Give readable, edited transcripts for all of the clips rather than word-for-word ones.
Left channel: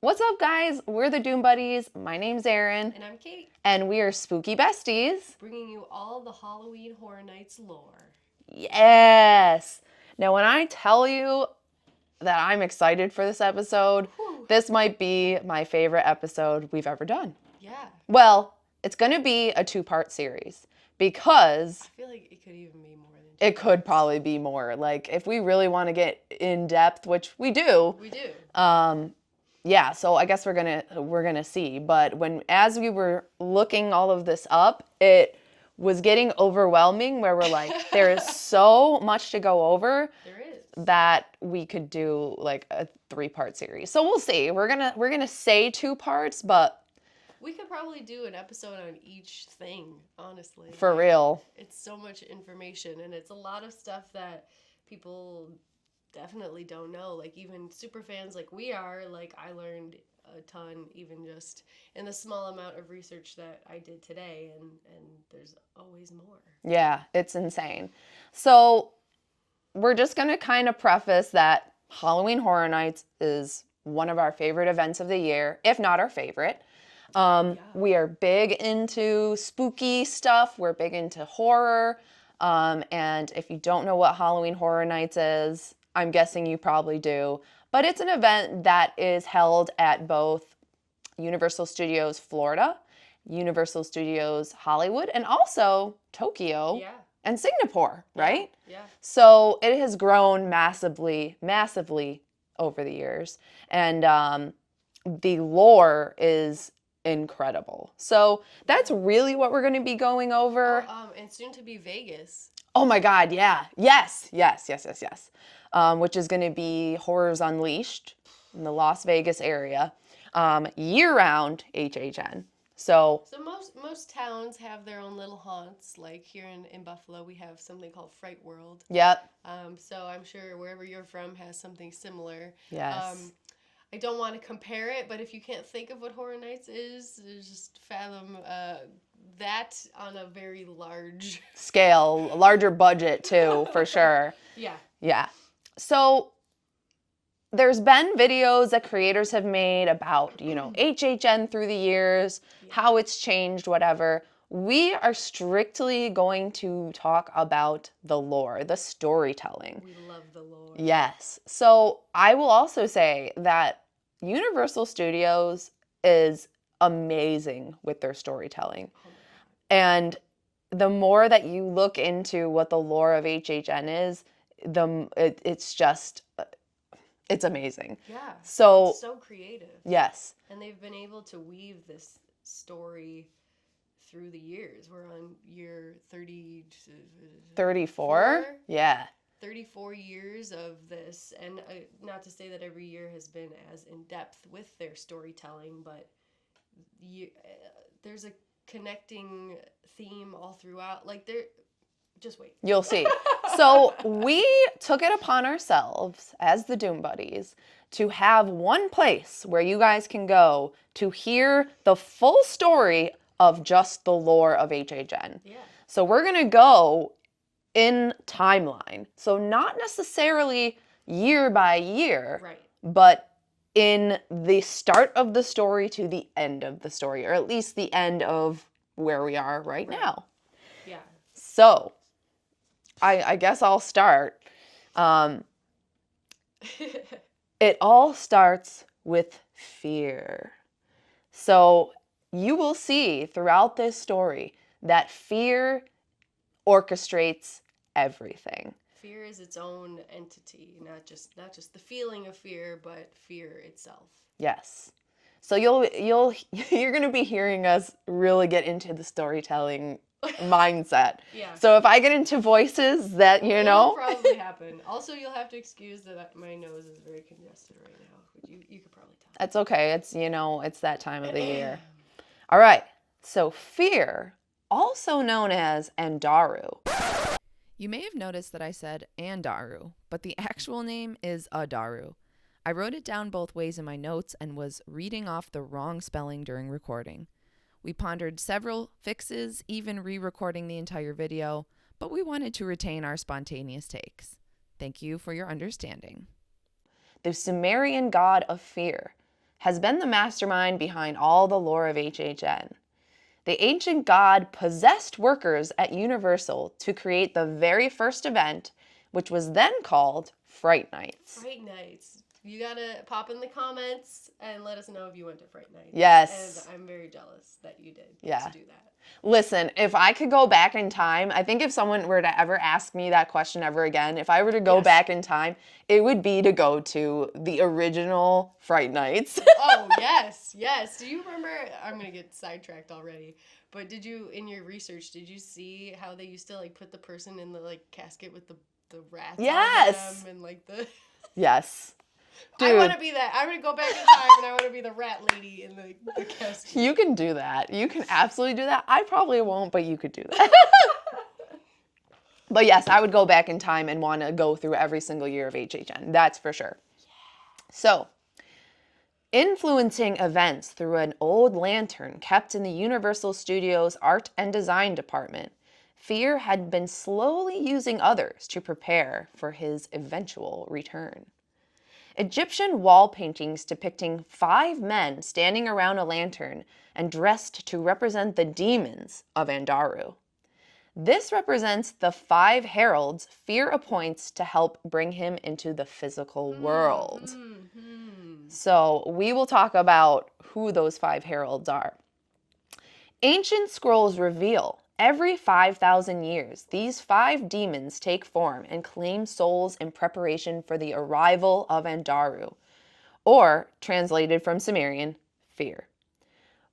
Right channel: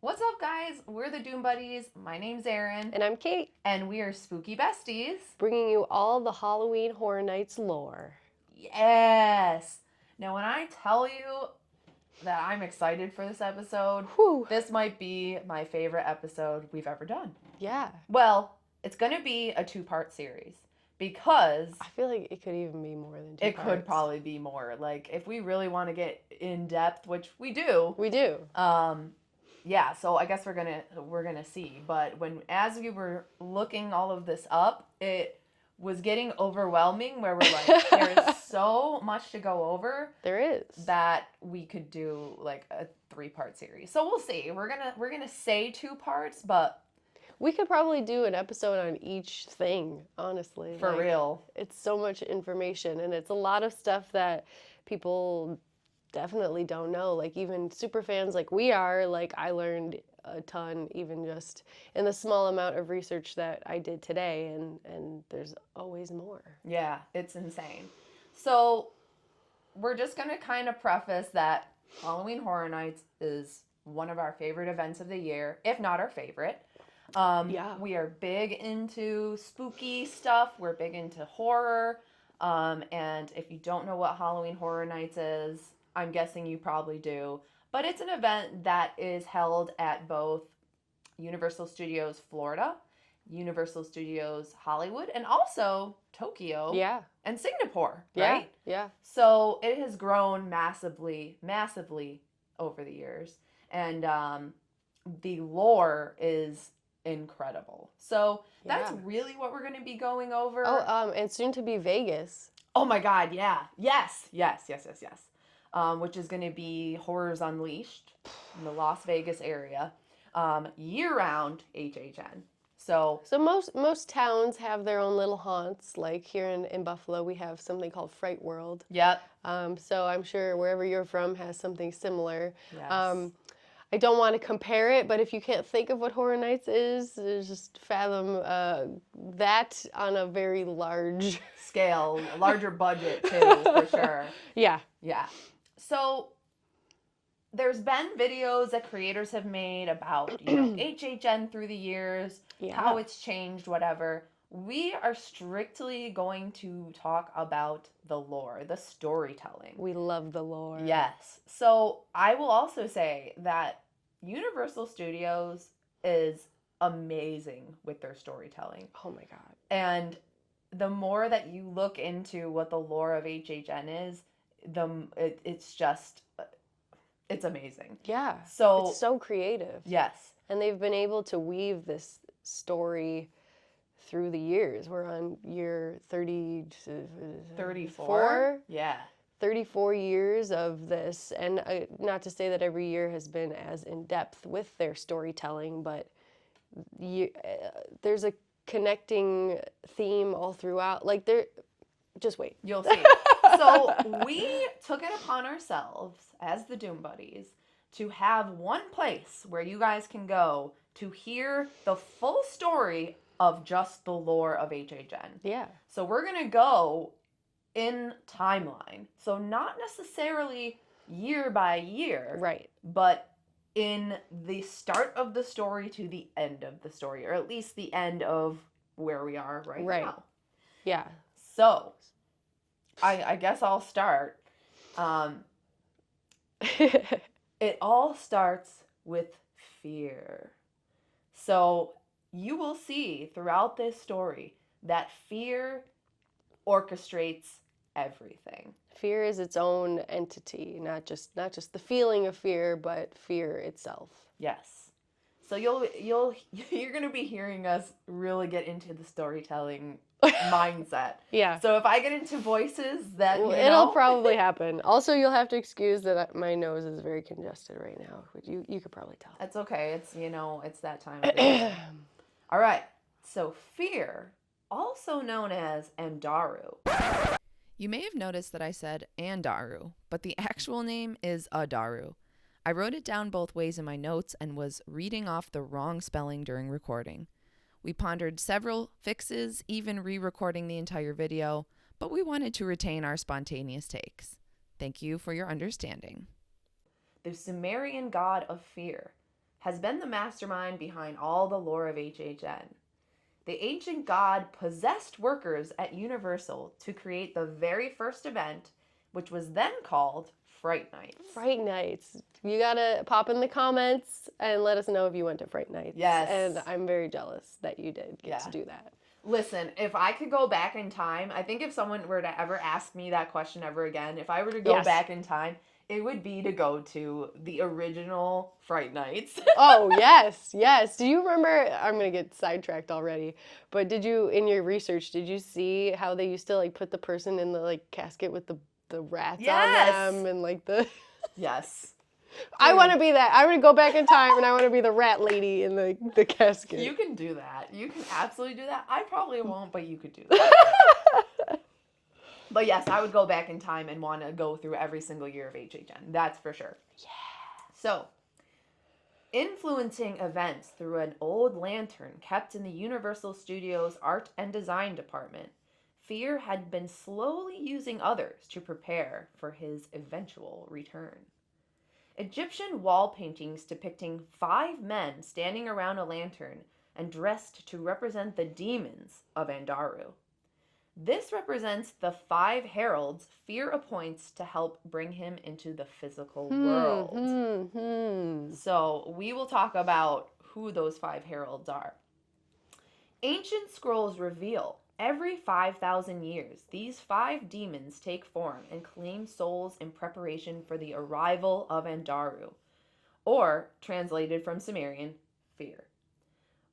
What's up, guys? We're the Doom Buddies. My name's Erin. And I'm Kate, And we are spooky besties. bringing you all the Halloween Horror Nights lore. Yes! Now, when I tell you that I'm excited for this episode, this might be my favorite episode we've ever done. Yeah. Well, it's going to be a 2-part series because... I feel like it could even be more than 2 It could probably be more. Like, if we really want to get in depth, which we do. We do. Yeah, so I guess we're gonna see. But as we were looking all of this up, it was getting overwhelming where we're like, there is so much to go over. There is. That we could do like a 3-part series. So we'll see. We're gonna say 2 parts, but We could probably do an episode on each thing, honestly. for real. It's so much information, and it's a lot of stuff that people definitely don't know. Like, even super fans like we are, like, I learned a ton even just in the small amount of research that I did today, and there's always more. Yeah, it's insane. So we're just going to kind of preface that Halloween Horror Nights is one of our favorite events of the year, if not our favorite. We are big into spooky stuff. We're big into horror. And if you don't know what Halloween Horror Nights is, I'm guessing you probably do. But it's an event that is held at both Universal Studios Florida, Universal Studios Hollywood, and also Tokyo and Singapore, right? Yeah. So it has grown massively, massively over the years. And the lore is incredible. So that's really what we're going to be going over. And soon to be Vegas. Oh my God, yeah. Yes. Which is going to be Horrors Unleashed in the Las Vegas area, year-round HHN. So most towns have their own little haunts. Like here in Buffalo, we have something called Fright World. Yep. So I'm sure wherever you're from has something similar. Yes. I don't want to compare it, but if you can't think of what Horror Nights is, just fathom that on a very large scale, a larger budget too, for sure. Yeah. So there's been videos that creators have made about, HHN through the years, how it's changed, whatever. We are strictly going to talk about the lore, the storytelling. We love the lore. Yes. So I will also say that Universal Studios is amazing with their storytelling. Oh my God. And the more that you look into what the lore of HHN is, it's amazing. Yeah. So it's so creative. Yes. And they've been able to weave this story through the years. We're on year 34? Yeah. 34 years of this. And not to say that every year has been as in-depth with their storytelling, but there's a connecting theme all throughout. Like, just wait. You'll see. So we took it upon ourselves as the Doom Buddies to have one place where you guys can go to hear the full story of just the lore of HHN. Yeah. So we're going to go in timeline. So not necessarily year by year. Right. But in the start of the story to the end of the story, or at least the end of where we are right now. Yeah. So I guess I'll start. It all starts with fear. So you will see throughout this story that fear orchestrates everything. Fear is its own entity, not just the feeling of fear, but fear itself. Yes. So you're going to be hearing us really get into the storytelling mindset. Yeah. So if I get into voices that, it'll probably happen. Also, you'll have to excuse that my nose is very congested right now. You could probably tell. That's okay. It's, it's that time of the year. All right. So fear, also known as Andaru. You may have noticed that I said Andaru, but the actual name is Adaru. I wrote it down both ways in my notes and was reading off the wrong spelling during recording. We pondered several fixes, even re-recording the entire video, but we wanted to retain our spontaneous takes. Thank you for your understanding. The Sumerian god of fear. has been the mastermind behind all the lore of HHN. The ancient god possessed workers at Universal to create the very first event, which was then called Fright Nights. Fright Nights. You gotta pop in the comments and let us know if you went to Fright Nights. Yes. And I'm very jealous that you did get to do that. Listen, if I could go back in time, I think if someone were to ever ask me that question ever again, if I were to go back in time, it would be to go to the original Fright Nights. Oh, yes, yes. Do you remember, I'm going to get sidetracked already, but did you, in your research, did you see how they used to like put the person in the like casket with the rats on them and like the... Yes. Dude. I want to be that. I want to go back in time and I want to be the rat lady in the casket. You can do that. You can absolutely do that. I probably won't, but you could do that. But yes, I would go back in time and want to go through every single year of HHN. That's for sure. Yeah. So, influencing events through an old lantern kept in the Universal Studios Art and Design Department, Fear had been slowly using others to prepare for his eventual return. Egyptian wall paintings depicting 5 men standing around a lantern and dressed to represent the demons of Andaru. This represents the 5 heralds Fear appoints to help bring him into the physical world. So we will talk about who those 5 heralds are. Ancient scrolls reveal every 5,000 years, these 5 demons take form and claim souls in preparation for the arrival of Andaru, or, translated from Sumerian, Fear.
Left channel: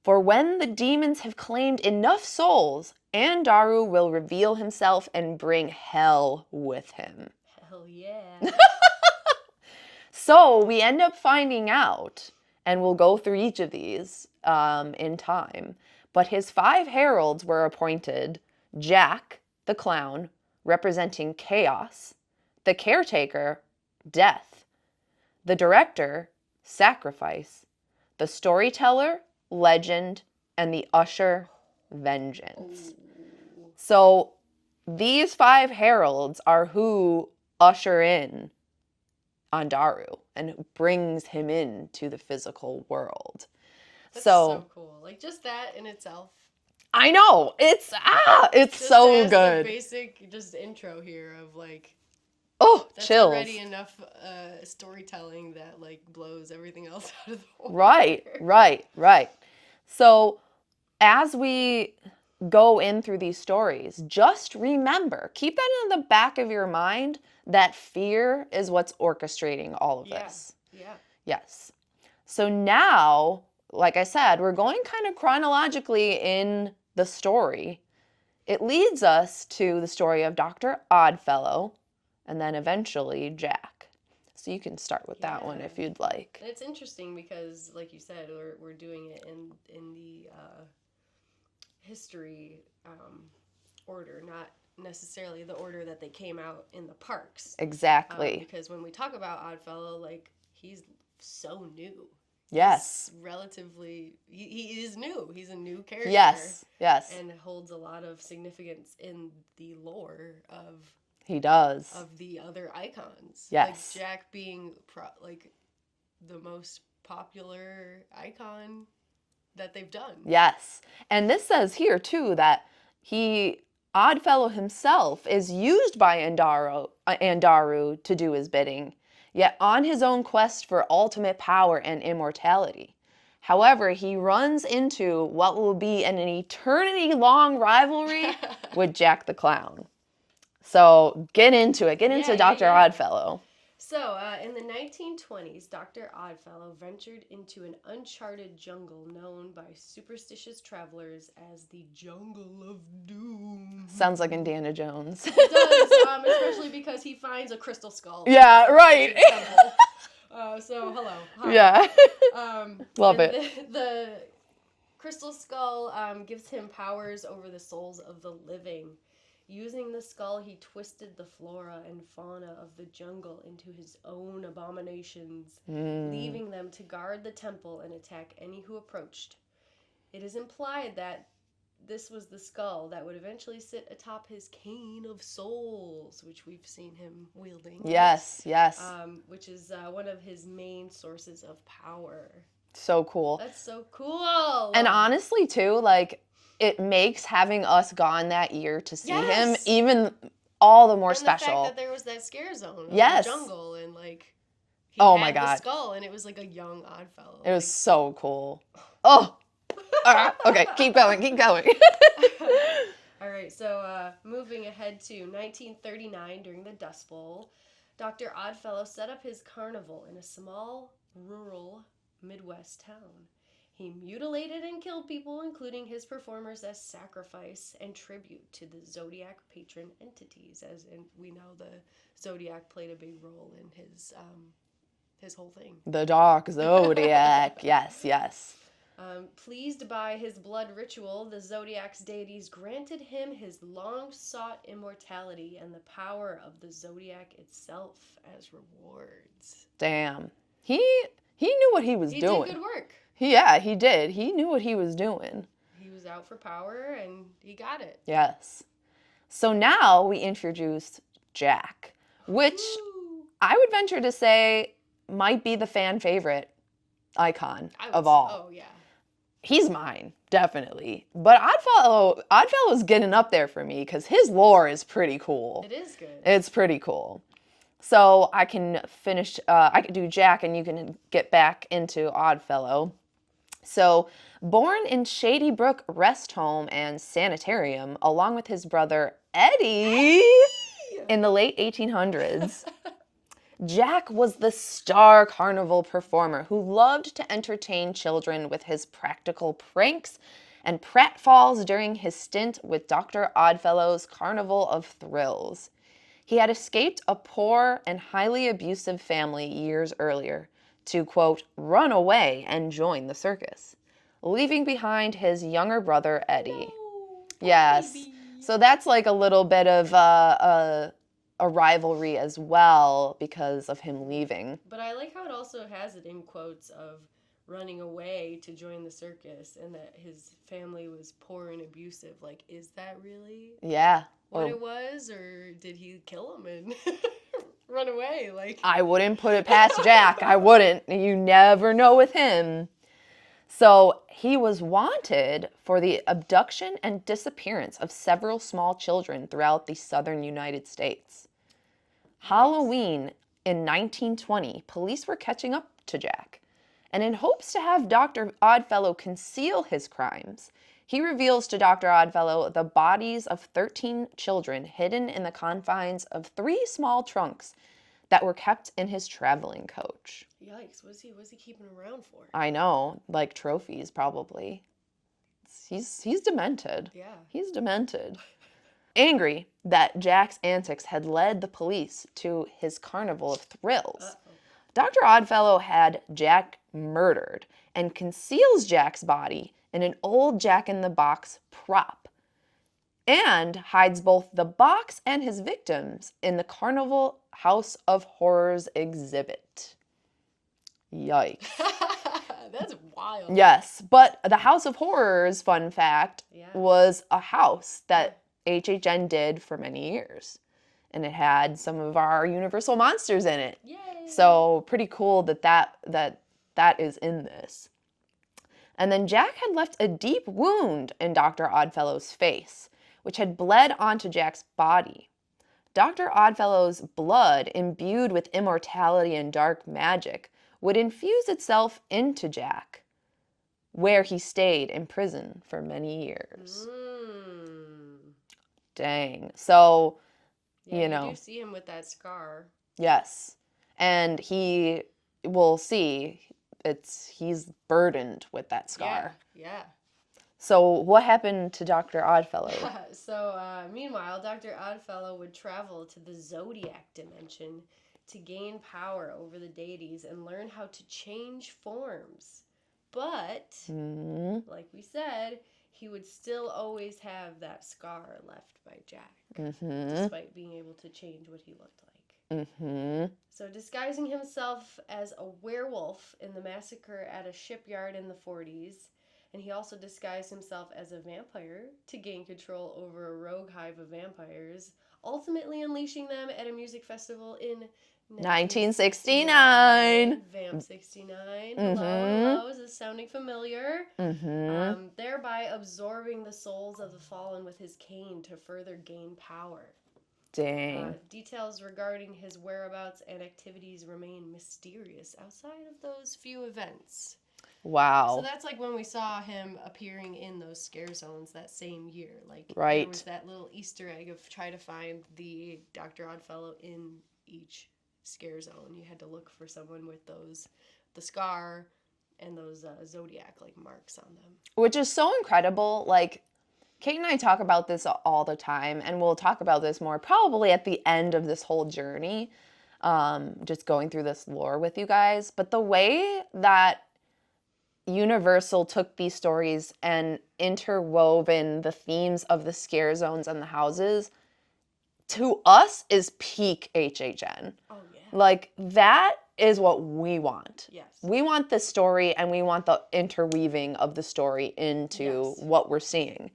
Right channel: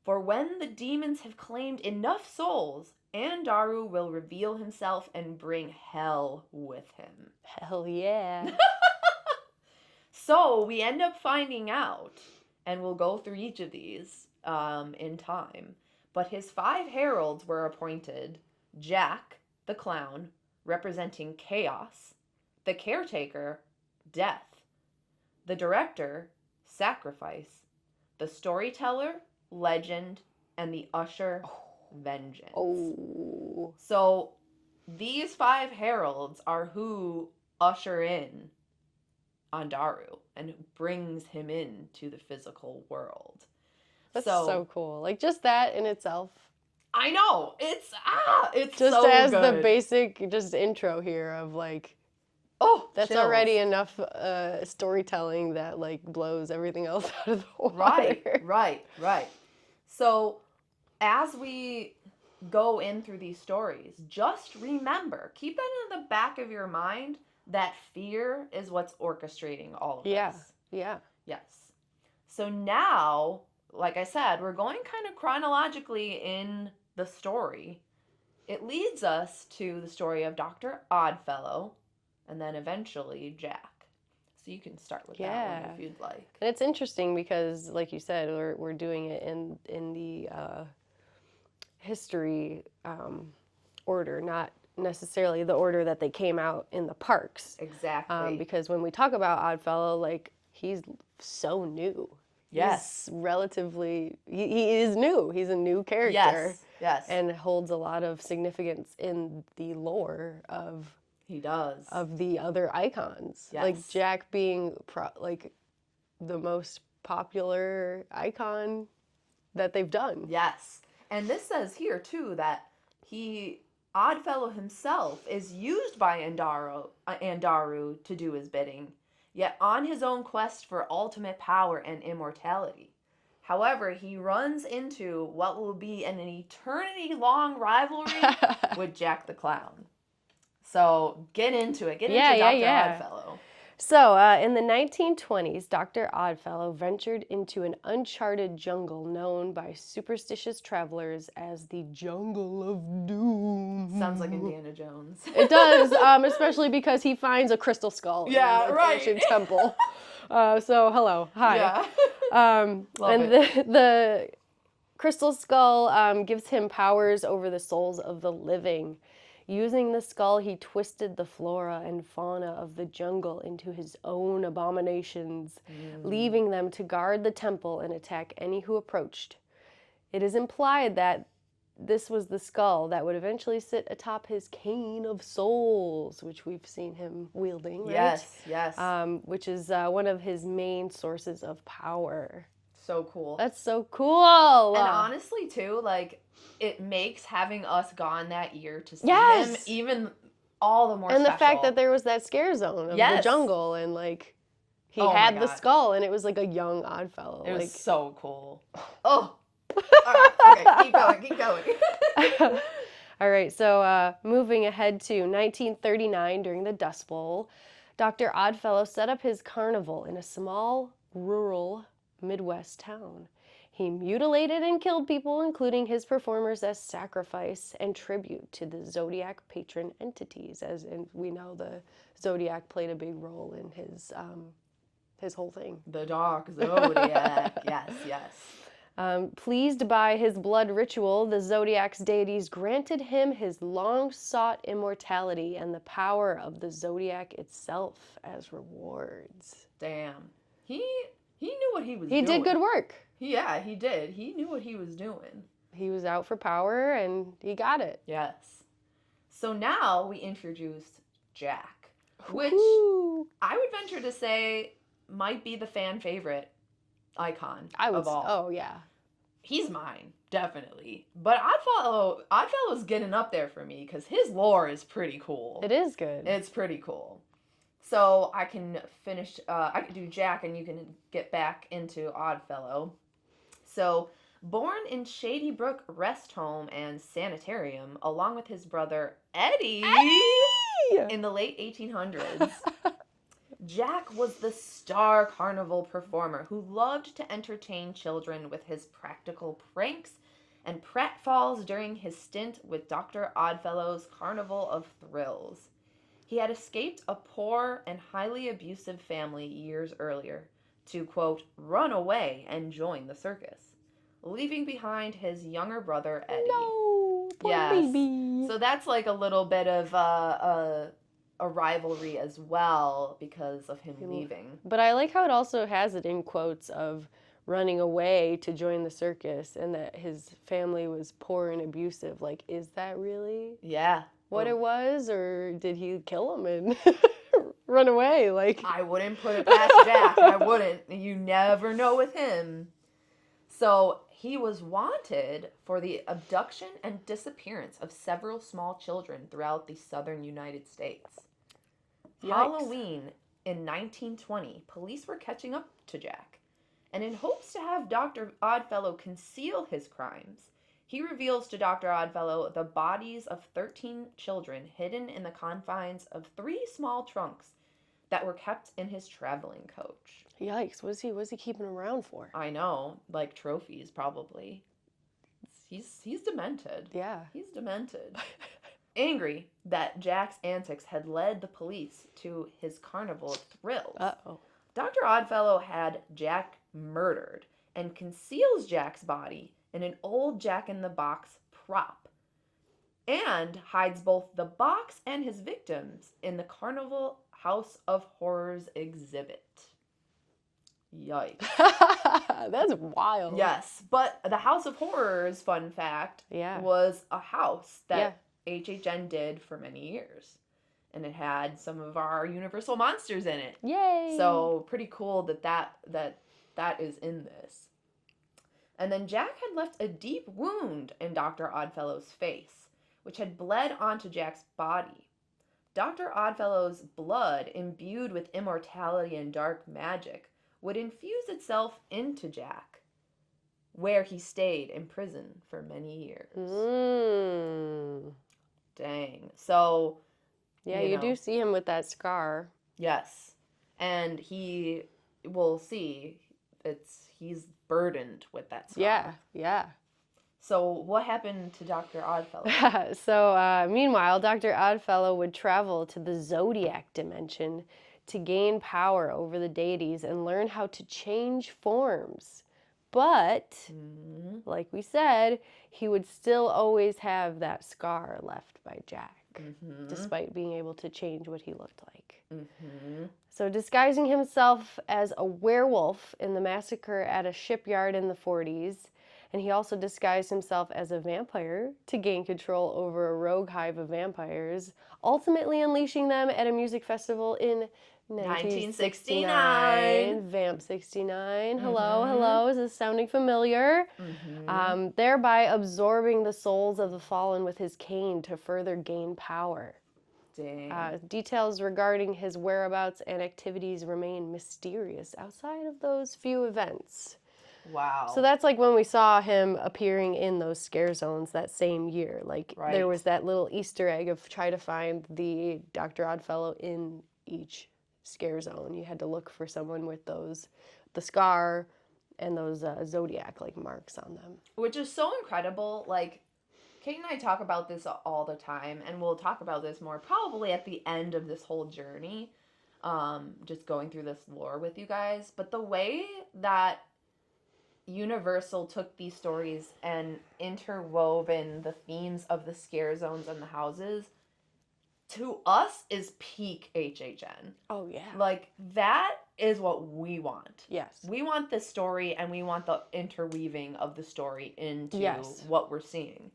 For when the demons have claimed enough souls, Andaru will reveal himself and bring hell with him. Hell yeah. So we end up finding out, and we'll go through each of these in time, but his 5 heralds were appointed: Jack, the clown, representing chaos; the caretaker, death; the director, sacrifice; the storyteller, legend; and the usher, vengeance. Oh. So these 5 heralds are who usher in Andaru and brings him into the physical world. That's so cool. Like, just that in itself. I know. It's just so as good. The basic just intro here of like, that's chills. already enough storytelling that like blows everything else out of the water. Right. So as we go in through these stories, just remember, keep that in the back of your mind, that fear is what's orchestrating all of this. Yeah. Yes. So now, like I said, we're going kind of chronologically in the story. It leads us to the story of Dr. Oddfellow and then eventually Jack. So you can start with that one if you'd like. And it's interesting because, like you said, we're doing it in the history order, not necessarily the order that they came out in the parks. Exactly. Because when we talk about Oddfellow, like, he's so new. Yes. He's relatively, he is new. He's a new character. Yes. And holds a lot of significance in the lore of... He does. Of the other icons. Yes. Like Jack being like the most popular icon that they've done. Yes. And this says here too that Oddfellow himself is used by Andaru to do his bidding, yet on his own quest for ultimate power and immortality. However, he runs into what will be an eternity-long rivalry with Jack the Clown. So get into it. Get into Dr. Oddfellow. So in the 1920s, Dr. Oddfellow ventured into an uncharted jungle known by superstitious travelers as the Jungle of Doom. Sounds like Indiana Jones. It does, especially because he finds a crystal skull. Yeah, right. Temple. So hello, hi. Yeah. Love it. The crystal skull gives him powers over the souls of the living. Using the skull, he twisted the flora and fauna of the jungle into his own abominations, leaving them to guard the temple and attack any who approached. It is implied that this was the skull that would eventually sit atop his cane of souls, which we've seen him wielding. Right? Yes. Which is one of his main sources of power. So cool. That's so cool. And honestly, too, like, it makes having us gone that year to see him Yes. even all the more and special. the fact that there was that scare zone of Yes. the jungle, and like he Oh my had the God. skull, and it was like a young Oddfellow. It was so cool. Oh. All right. Okay, keep going. All right, so moving ahead to 1939 during the Dust Bowl, Dr. Oddfellow set up his carnival in a small, rural Midwest town. He mutilated and killed people, including his performers, as sacrifice and tribute to the Zodiac patron entities. As we know, the Zodiac played a big role in his whole thing. The Dark Zodiac. Yes. Pleased by his blood ritual, the Zodiac's deities granted him his long-sought immortality and the power of the Zodiac itself as rewards. Damn. He knew what he was doing. He did good work. Yeah, he did. He knew what he was doing. He was out for power, and he got it. Yes. So now we introduced Jack, which Ooh. I would venture to say might be the fan favorite icon of all. Oh, yeah. He's mine, definitely. But Oddfellow's getting up there for me because his lore is pretty cool. It is good. It's pretty cool. So I can finish, I could do Jack and you can get back into Oddfellow. So, born in Shady Brook Rest Home and Sanitarium, along with his brother Eddie! In the late 1800s, Jack was the star carnival performer who loved to entertain children with his practical pranks and pratfalls during his stint with Dr. Oddfellow's Carnival of Thrills. He had escaped a poor and highly abusive family years earlier to, quote, run away and join the circus, leaving behind his younger brother, Eddie. No, poor Yes. baby. So that's like a little bit of a rivalry as well because of him leaving. But I like how it also has it in quotes of running away to join the circus and that his family was poor and abusive. Like, is that really Yeah. what it was? Or did he kill him and run away? Like, I wouldn't put it past Jack. I wouldn't. You never know with him. So he was wanted for the abduction and disappearance of several small children throughout the southern United States. Yikes. Halloween in 1920, police were catching up to Jack. And in hopes to have Dr. Oddfellow conceal his crimes, he reveals to Dr. Oddfellow the bodies of 13 children hidden in the confines of 3 small trunks that were kept in his traveling coach. yikes, what is he keeping around for? I know, like trophies probably. He's demented. Yeah. He's demented. Angry that Jack's antics had led the police to his carnival of thrills, Uh-oh. Dr. Oddfellow had Jack murdered and conceals Jack's body in an old Jack-in-the-Box prop and hides both the box and his victims in the Carnival House of Horrors exhibit. Yikes. That's wild. Yes, but the House of Horrors, fun fact, Yeah. was a house that HHN did for many years. And it had some of our Universal monsters in it. Yay. So pretty cool that is in this. And then Jack had left a deep wound in Dr. Oddfellow's face, which had bled onto Jack's body. Dr. Oddfellow's blood, imbued with immortality and dark magic, would infuse itself into Jack, where he stayed in prison for many years. Dang. So, Yeah, you do see him with that scar. yes. And we'll see, he's burdened with that scar. Yeah. So what happened to Dr. Oddfellow? So, meanwhile, Dr. Oddfellow would travel to the Zodiac dimension to gain power over the deities and learn how to change forms. But, like we said, he would still always have that scar left by Jack, despite being able to change what he looked like. So, disguising himself as a werewolf in the massacre at a shipyard in the 40s, and he also disguised himself as a vampire to gain control over a rogue hive of vampires, ultimately unleashing them at a music festival in 1969. Vamp 69. Hello, is sounding familiar. Thereby absorbing the souls of the fallen with his cane to further gain power. Dang. Details regarding his whereabouts and activities remain mysterious outside of those few events. Wow. So that's like when we saw him appearing in those scare zones that same year. Like there was that little Easter egg of try to find the Dr. Oddfellow in each scare zone. You had to look for someone with the scar and those zodiac like marks on them. Which is so incredible. Like, Kate and I talk about this all the time, and we'll talk about this more probably at the end of this whole journey, just going through this lore with you guys. But the way that Universal took these stories and interwoven the themes of the scare zones and the houses, to us, is peak HHN. Oh, yeah. Like, that is what we want. Yes. We want the story, and we want the interweaving of the story into what we're seeing.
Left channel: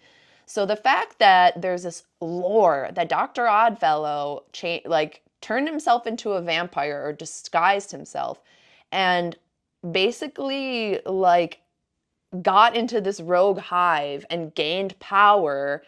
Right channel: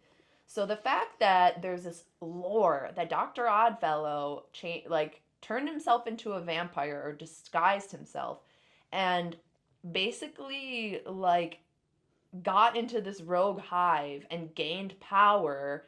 So the fact that there's this lore that Dr. Oddfellow turned himself into a vampire or disguised himself and basically like got into this rogue hive and gained power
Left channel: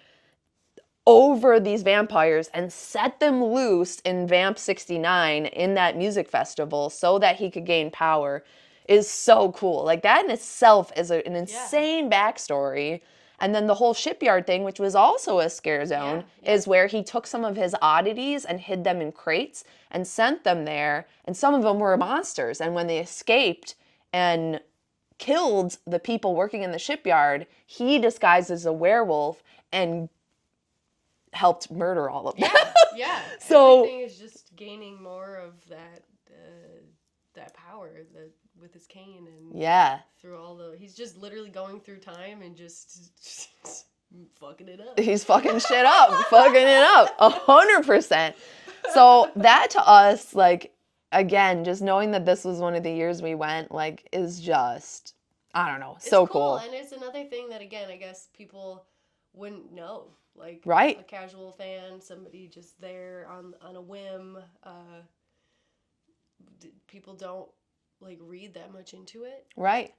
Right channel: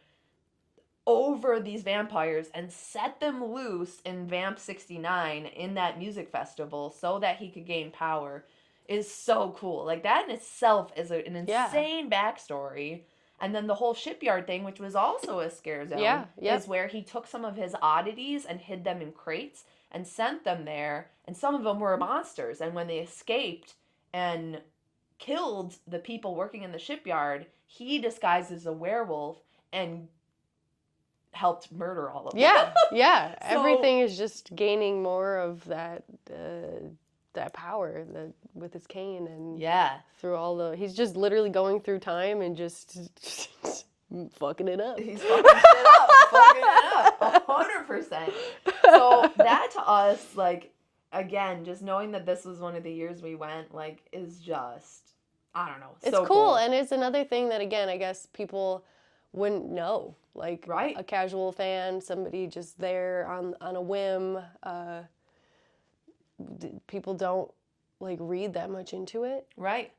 over these vampires and set them loose in Vamp 69 in that music festival so that he could gain power is so cool. Like, that in itself is an insane backstory. And then the whole shipyard thing, which was also a scare zone, is where he took some of his oddities and hid them in crates and sent them there. And some of them were monsters. And when they escaped and killed the people working in the shipyard, he disguised as a werewolf and helped murder all of them. Yeah. So, everything is just gaining more of that power with his cane and through all he's just literally going through time and just fucking it up. He's fucking shit up, 100%. So that to us, like, again, just knowing that this was one of the years we went, like, is just, I don't know, so cool. And it's another thing that, again, I guess people wouldn't know. Like, a casual fan, somebody just there on a whim. People don't, like, read that much into it. Right.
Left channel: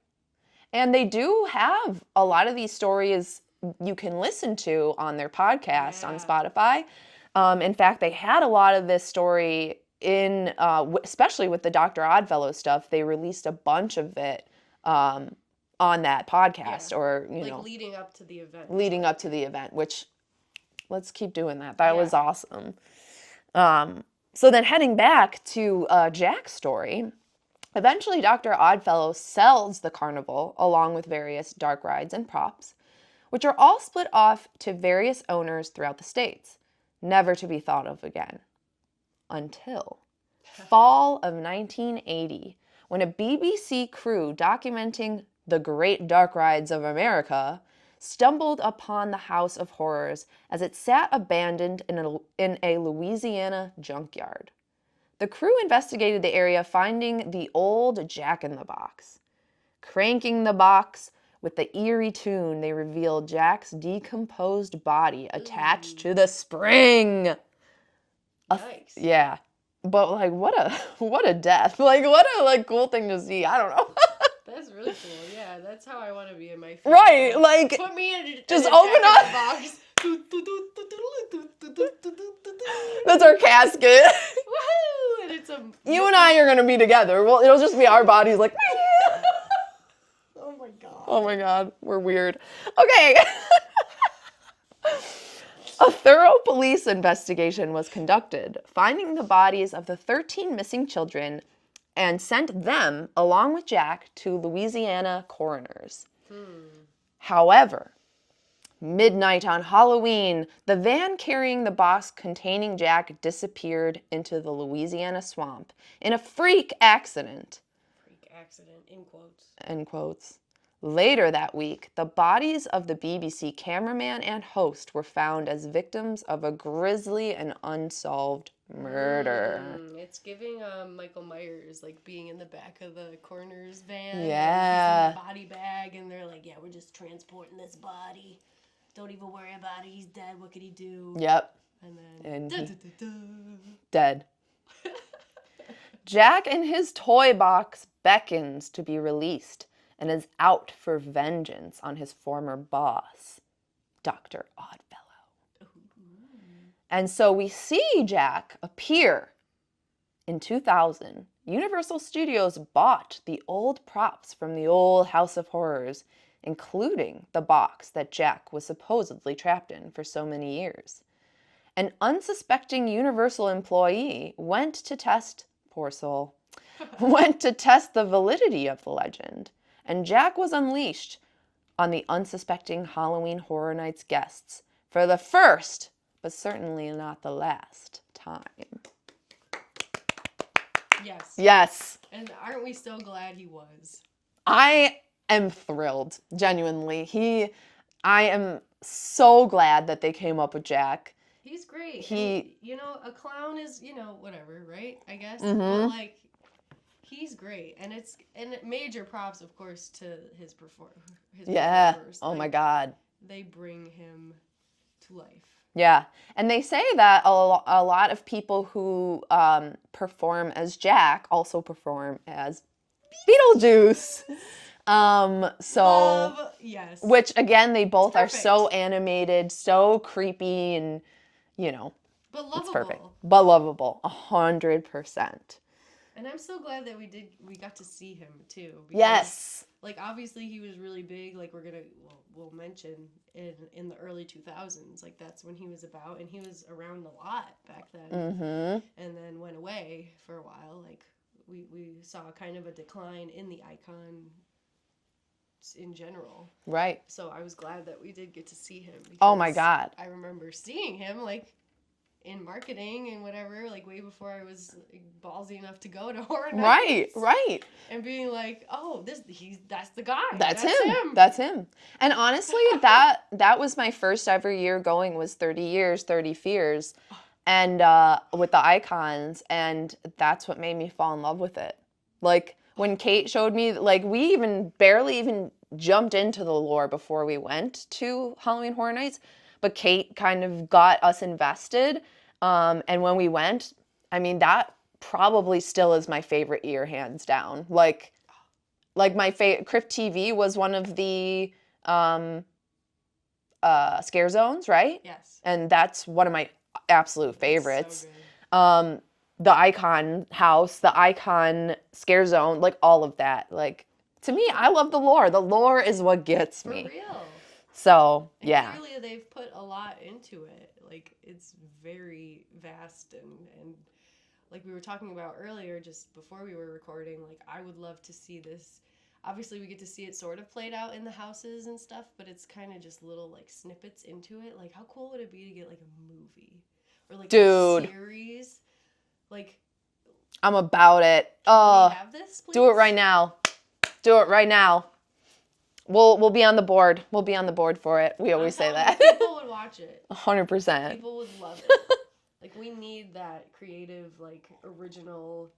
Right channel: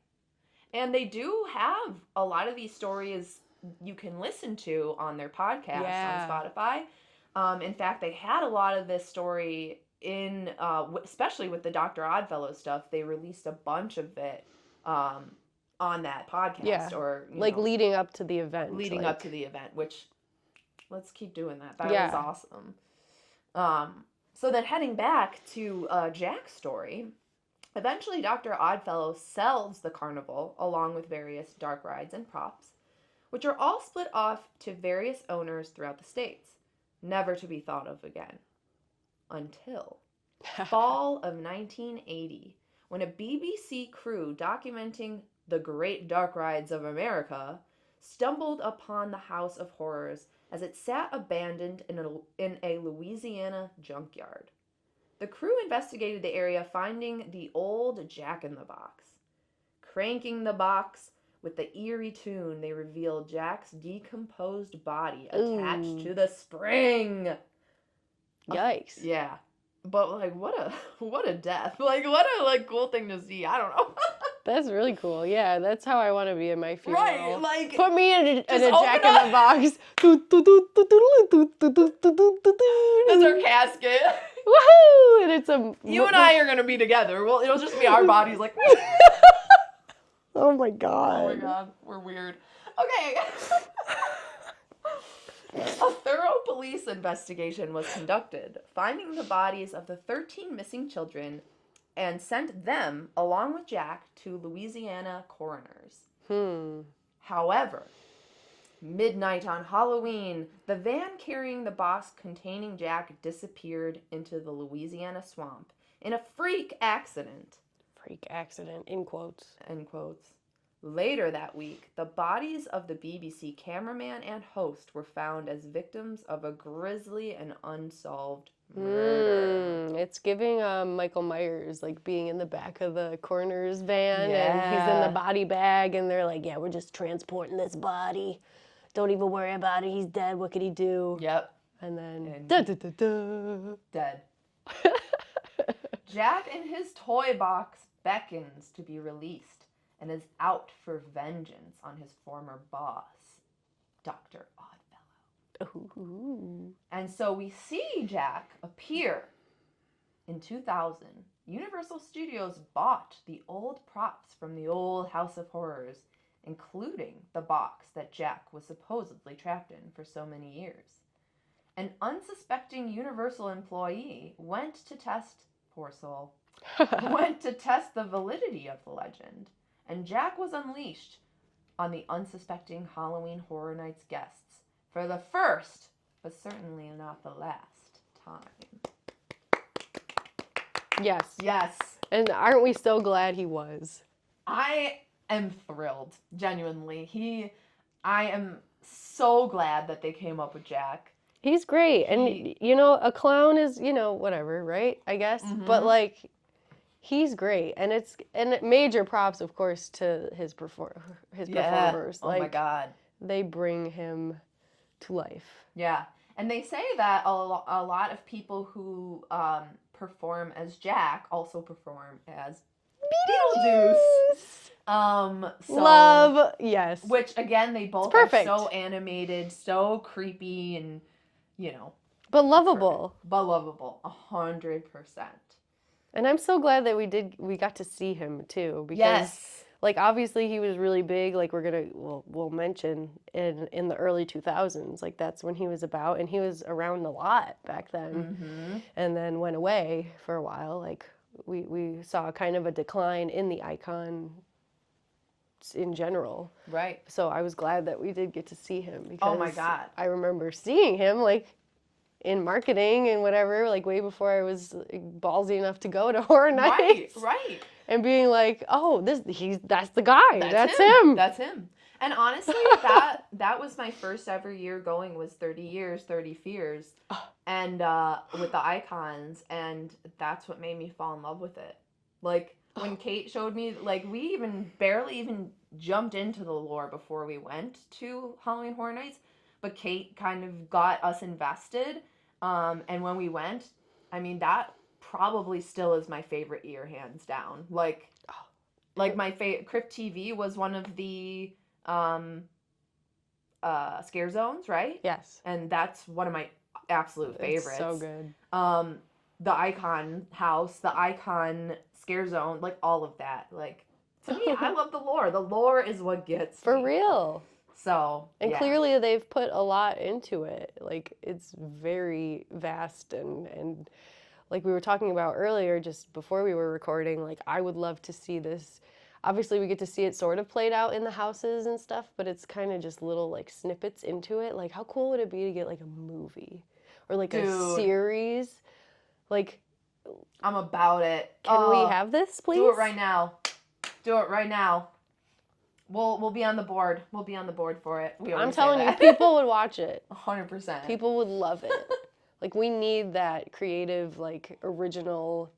And they do have a lot of these stories you can listen to on their podcast on Spotify. In fact, they had a lot of this story in, especially with the Dr. Oddfellow stuff, they released a bunch of it on that podcast. Or, you know, leading up to the event. Leading up to the event, which, let's keep doing that. That was awesome. So then heading back to Jack's story, eventually Dr. Oddfellow sells the carnival along with various dark rides and props, which are all split off to various owners throughout the states, never to be thought of again. Until fall of 1980, when a BBC crew documenting the Great Dark Rides of America stumbled upon the House of Horrors as it sat abandoned in a Louisiana junkyard. The crew investigated the area, finding the old Jack-in-the-Box. Cranking the box with the eerie tune, they revealed Jack's decomposed body attached to the spring. Yikes. Yeah. But, like, what a death. Like, what a, like, cool thing to see. I don't know. That's really cool. Yeah, that's how I want to be in my funeral. Right, like, put me in just a open Jack-in-the-Box. That's our casket. Woohoo! And it's You and I are gonna be together. Well, it'll just be our bodies, like. Oh my god. Oh my god, we're weird. Okay. A thorough police investigation was conducted, finding the bodies of the 13 missing children and sent them, along with Jack, to Louisiana coroners. However, midnight on Halloween, the van carrying the box containing Jack disappeared into the Louisiana swamp in a freak accident. Freak accident, in quotes. End quotes. Later that week, the bodies of the BBC cameraman and host were found as victims of a grisly and unsolved murder. It's giving Michael Myers, like, being in the back of the coroner's van, and he's Yeah. in the body bag, and they're like, yeah, we're just transporting this body. Don't even worry about it. He's dead. What could he do? Yep. And then, And dead. Jack and his toy box beckons to be released, and is out for vengeance on his former boss, Dr. Oddfellow. Ooh. And so we see Jack appear in 2000. Universal Studios bought the old props from the old House of Horrors, including the box that Jack was supposedly trapped in for so many years. An unsuspecting Universal employee went to test, poor soul, went to test the validity of the legend, and Jack was unleashed on the unsuspecting Halloween Horror Nights guests for the first, but certainly not the last time. Yes. Yes. And aren't we so glad he was? I am thrilled, genuinely. I am so glad that they came up with Jack. He's great. And, you know, a clown is, you know, whatever, right? I guess. But, like, he's great. And major props, of course, to his performers. Oh, my Like, God. They bring him to life. Yeah. And they say that a lot of people who perform as Jack also perform as Beetlejuice. Love, yes. Which, again, they both are so animated, so creepy, and, you know. But lovable. But lovable, 100%. And I'm so glad that we got to see him, too. Because, Yes. like, obviously he was really big, like we'll mention in the early 2000s. Like, that's when he was about, and he was around a lot back then. Mm-hmm. And then went away for a while. Like, we saw kind of a decline in the icon in general. Right. So I was glad that we did get to see him. Because Oh my God. I remember seeing him, like, in marketing and whatever, like, way before I was ballsy enough to go to Horror Nights. Right. And being like, oh, that's the guy. That's him. That's him. And honestly, that was my first ever year going, was 30 Years, 30 Fears, and with the icons, and that's what made me fall in love with it. Like, when Kate showed me, like, we barely even jumped into the lore before we went to Halloween Horror Nights, but Kate kind of got us invested, and when we went, I mean, that probably still is my favorite year, hands down. Like my favorite, Crypt TV was one of the scare zones, right? Yes. And that's one of my absolute favorites. It's so good. The Icon house, the Icon scare zone, like all of that. Like, to me, I love the lore. The lore is what gets me. For real. So, And yeah. clearly they've put a lot into it. Like, it's very vast and like we were talking about earlier, just before we were recording, like, I would love to see this. Obviously, we get to see it sort of played out in the houses and stuff, but it's kind of just little, like, snippets into it. Like, how cool would it be to get, like, a movie? Or, like, a series? Like, I'm about it. Can we have this, please? Do it right now. Do it right now. We'll be on the board. We'll be on the board for it. We always say I'm telling that. you, people would watch it. 100%. People would love it. Like, we need that creative, like, original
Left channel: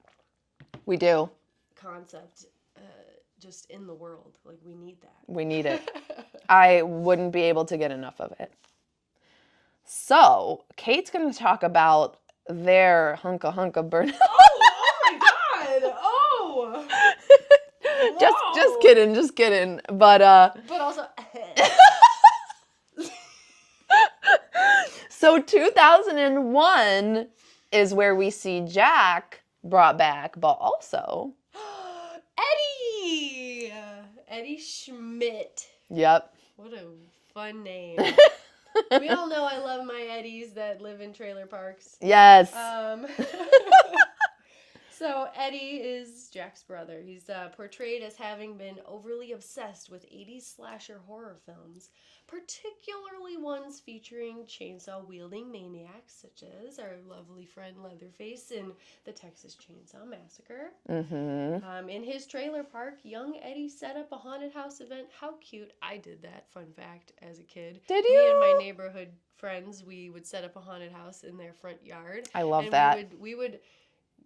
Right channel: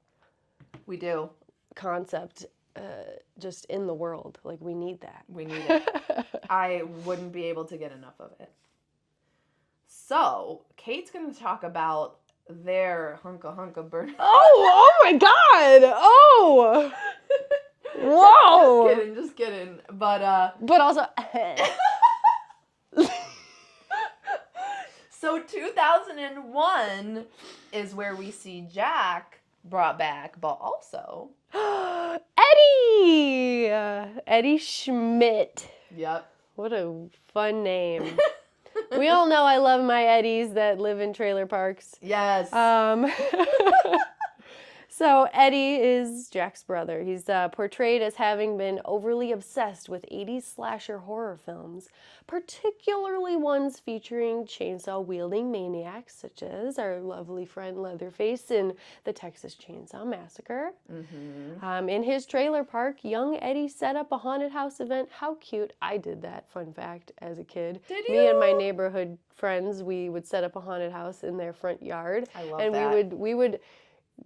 We do. concept just in the world. Like, we need that. We need it. I wouldn't be able to get enough of it. So, Kate's going to talk about their hunka burn. Oh my God! Oh! Whoa! Just kidding. But also, so 2001 is where we see Jack brought back, but also Eddie Schmidt. Yep. What a fun name. We all know I love my Eddies that live in trailer parks. Yes. So Eddie is Jack's brother. He's portrayed as having been overly obsessed with 80s slasher horror films, particularly ones featuring chainsaw-wielding maniacs such as our lovely friend Leatherface in the Texas Chainsaw Massacre. Mm-hmm. In his trailer park, young Eddie set up a haunted house event. How cute. I did that, fun fact, as a kid. Did Me you? and my neighborhood friends, we would set up a haunted house in their front yard. I love and that. We would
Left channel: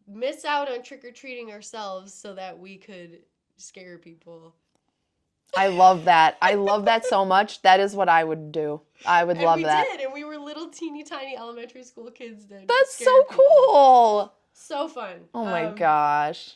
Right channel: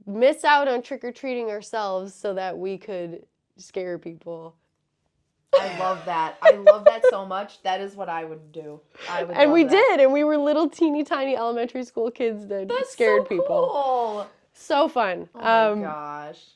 miss out on trick-or-treating ourselves so that we could scare people. I love that. I love that so much. That is what I would do. I would love that. And we did, and we were little teeny tiny elementary school kids that That's scared so people. cool. So fun. Oh my gosh.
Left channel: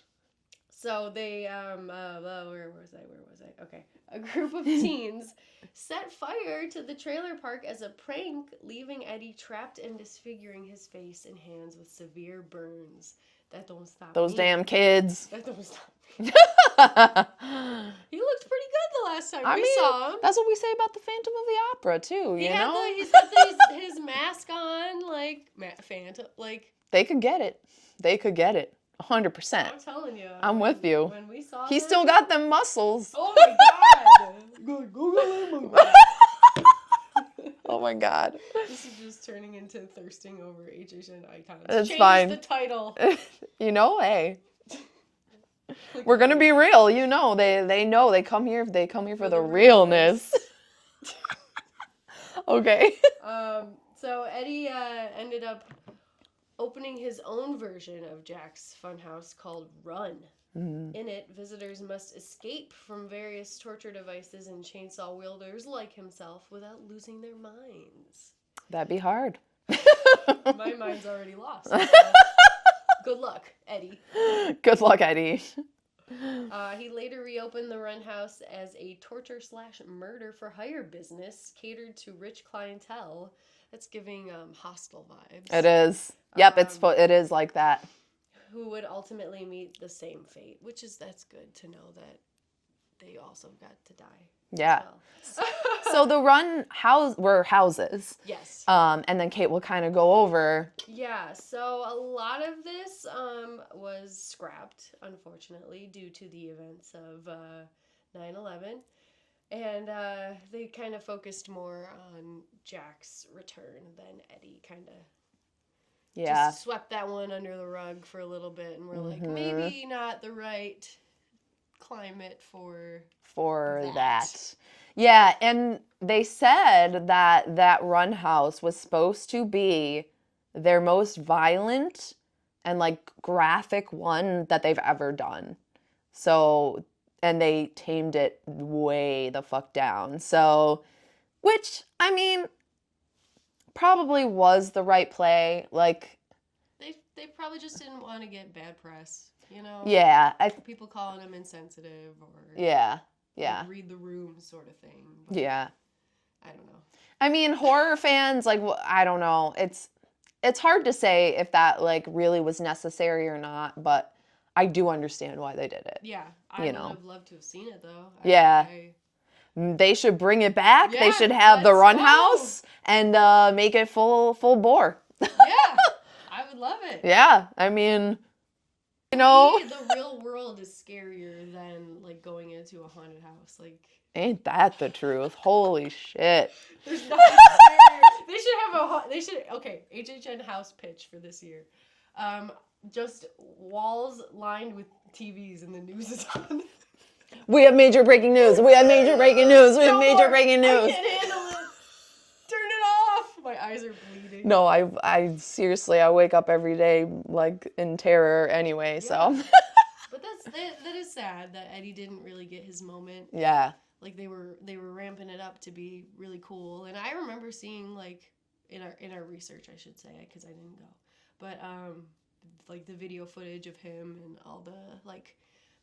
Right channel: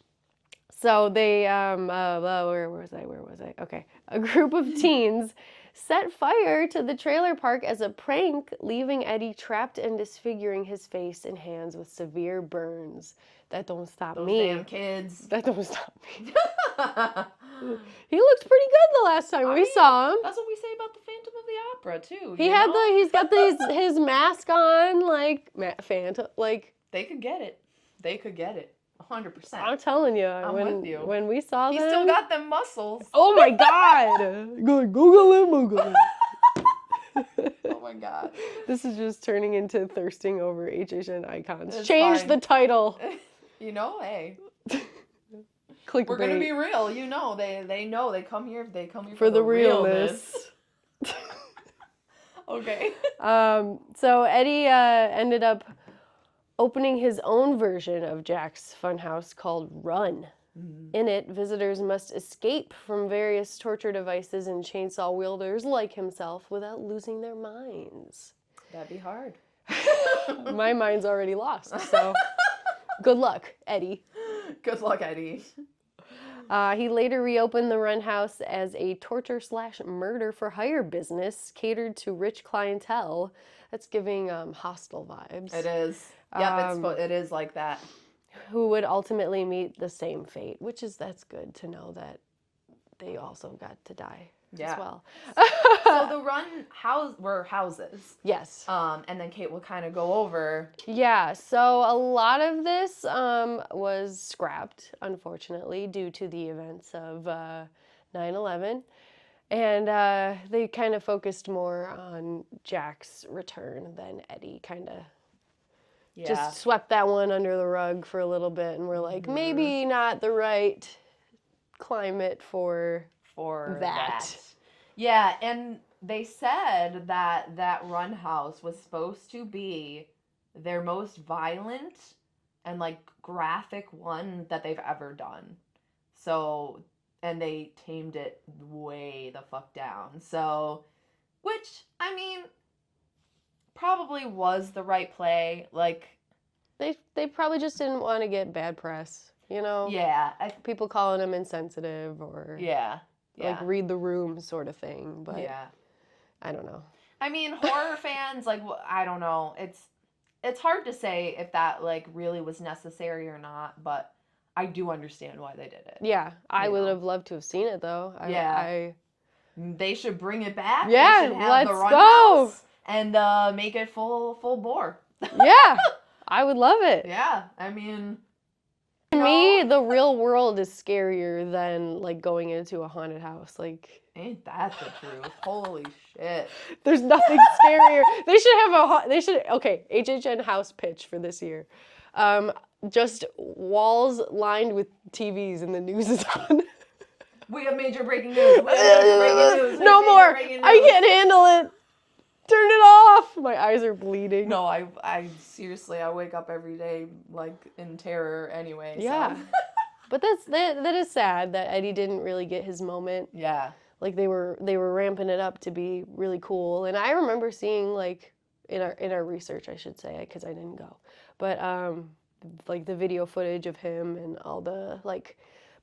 So they, where was I? Okay. A group of teens set fire to the trailer park as a prank, leaving Eddie trapped and disfiguring his face and hands with severe burns. That don't stop Those me. damn kids. That don't stop me. He looked pretty good the last time we saw him. That's what we say about the Phantom of the Opera too. He's got his mask on, like Phantom, like They could get it. They could get it. 100%. I'm telling you. I'm with you. When we saw He them, still got them muscles. Oh my God! Go Google it. Oh my God. This is just turning into thirsting over HHN icons. It's Change fine. the title. Hey. Clickbait. We're gonna be real, they know. They come here for the realness. Okay. So Eddie ended up opening his own version of Jack's Funhouse called Run. In it, visitors must escape from various torture devices and chainsaw wielders like himself without losing their minds. That'd be hard. My mind's already lost, so good luck, Eddie. Good luck, Eddie. He later reopened the Run House as a torture/murder for hire business catered to rich clientele. That's giving hostile vibes. It is. Yep, it is like that. Who would ultimately meet the same fate, that's good to know that they also got to die Yeah. as well. So the were houses. Yes. And then Kate will kind of go over. Yeah, so a lot of this was scrapped, unfortunately, due to the events of 9/11. And they kind of focused more on Jack's return than Eddie kind of just swept that one under the rug for a little bit. And we're like, maybe not the right climate for that. Yeah, and they said that Run House was supposed to be their most violent and like graphic one that they've ever done. So, and they tamed it way the fuck down. So, which, I mean, probably was the right play. Like, They probably just didn't want to get bad press, Yeah. People calling them insensitive or Yeah. like read the room sort of thing. But Yeah. I don't know. I mean, horror fans, like, I don't know. It's hard to say if that, like, really was necessary or not, but I do understand why they did it. Yeah, I would have loved to have seen it, though. They should bring it back. Yeah, they should have the let's Run go. House and make it full bore. Yeah, I would love it. Yeah, I mean, To me, the real world is scarier than, like, going into a haunted house. Like, ain't that the truth? Holy shit. there's nothing scarier. Okay, HHN house pitch for this year. Just walls lined with TVs and the news is on. We have major breaking news. We have major breaking news. We have major breaking news. I can't handle it. Turn it off. My eyes are bleeding. No, I seriously, I wake up every day like in terror anyway. Yeah. So. But that is sad that Eddie didn't really get his moment. Yeah. Like they were ramping it up to be really cool, and I remember seeing like in our research, I should say, because I didn't go, but like the video footage of him and all the like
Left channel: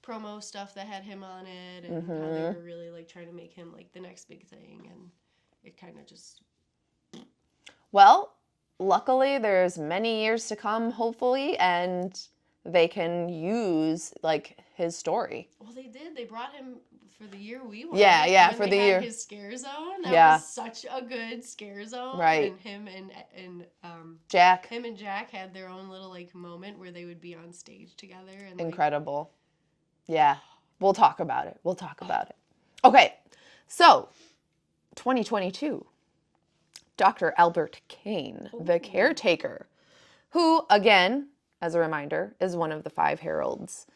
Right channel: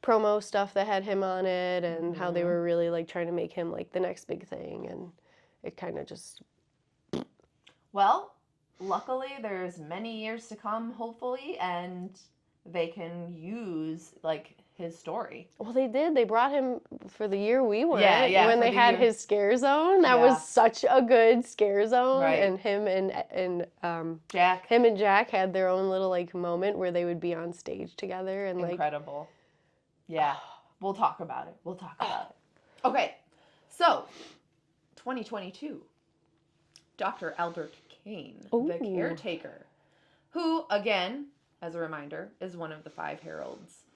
promo stuff that had him on it, and how they were really like trying to make him like the next big thing, and it kind of just. Well, luckily there's many years to come, hopefully, and they can use like his story. Well, they did. They brought him for the year we went. Yeah, when for they the had year. his scare zone. That was such a good scare zone. Right. And him and Jack. Him and Jack had their own little like moment where they would be on stage together and like. Incredible. Yeah. We'll talk about it. Okay. So, 2022. Dr. Albert Kane, the caretaker, who, again, as a reminder, is one of the 5 heralds.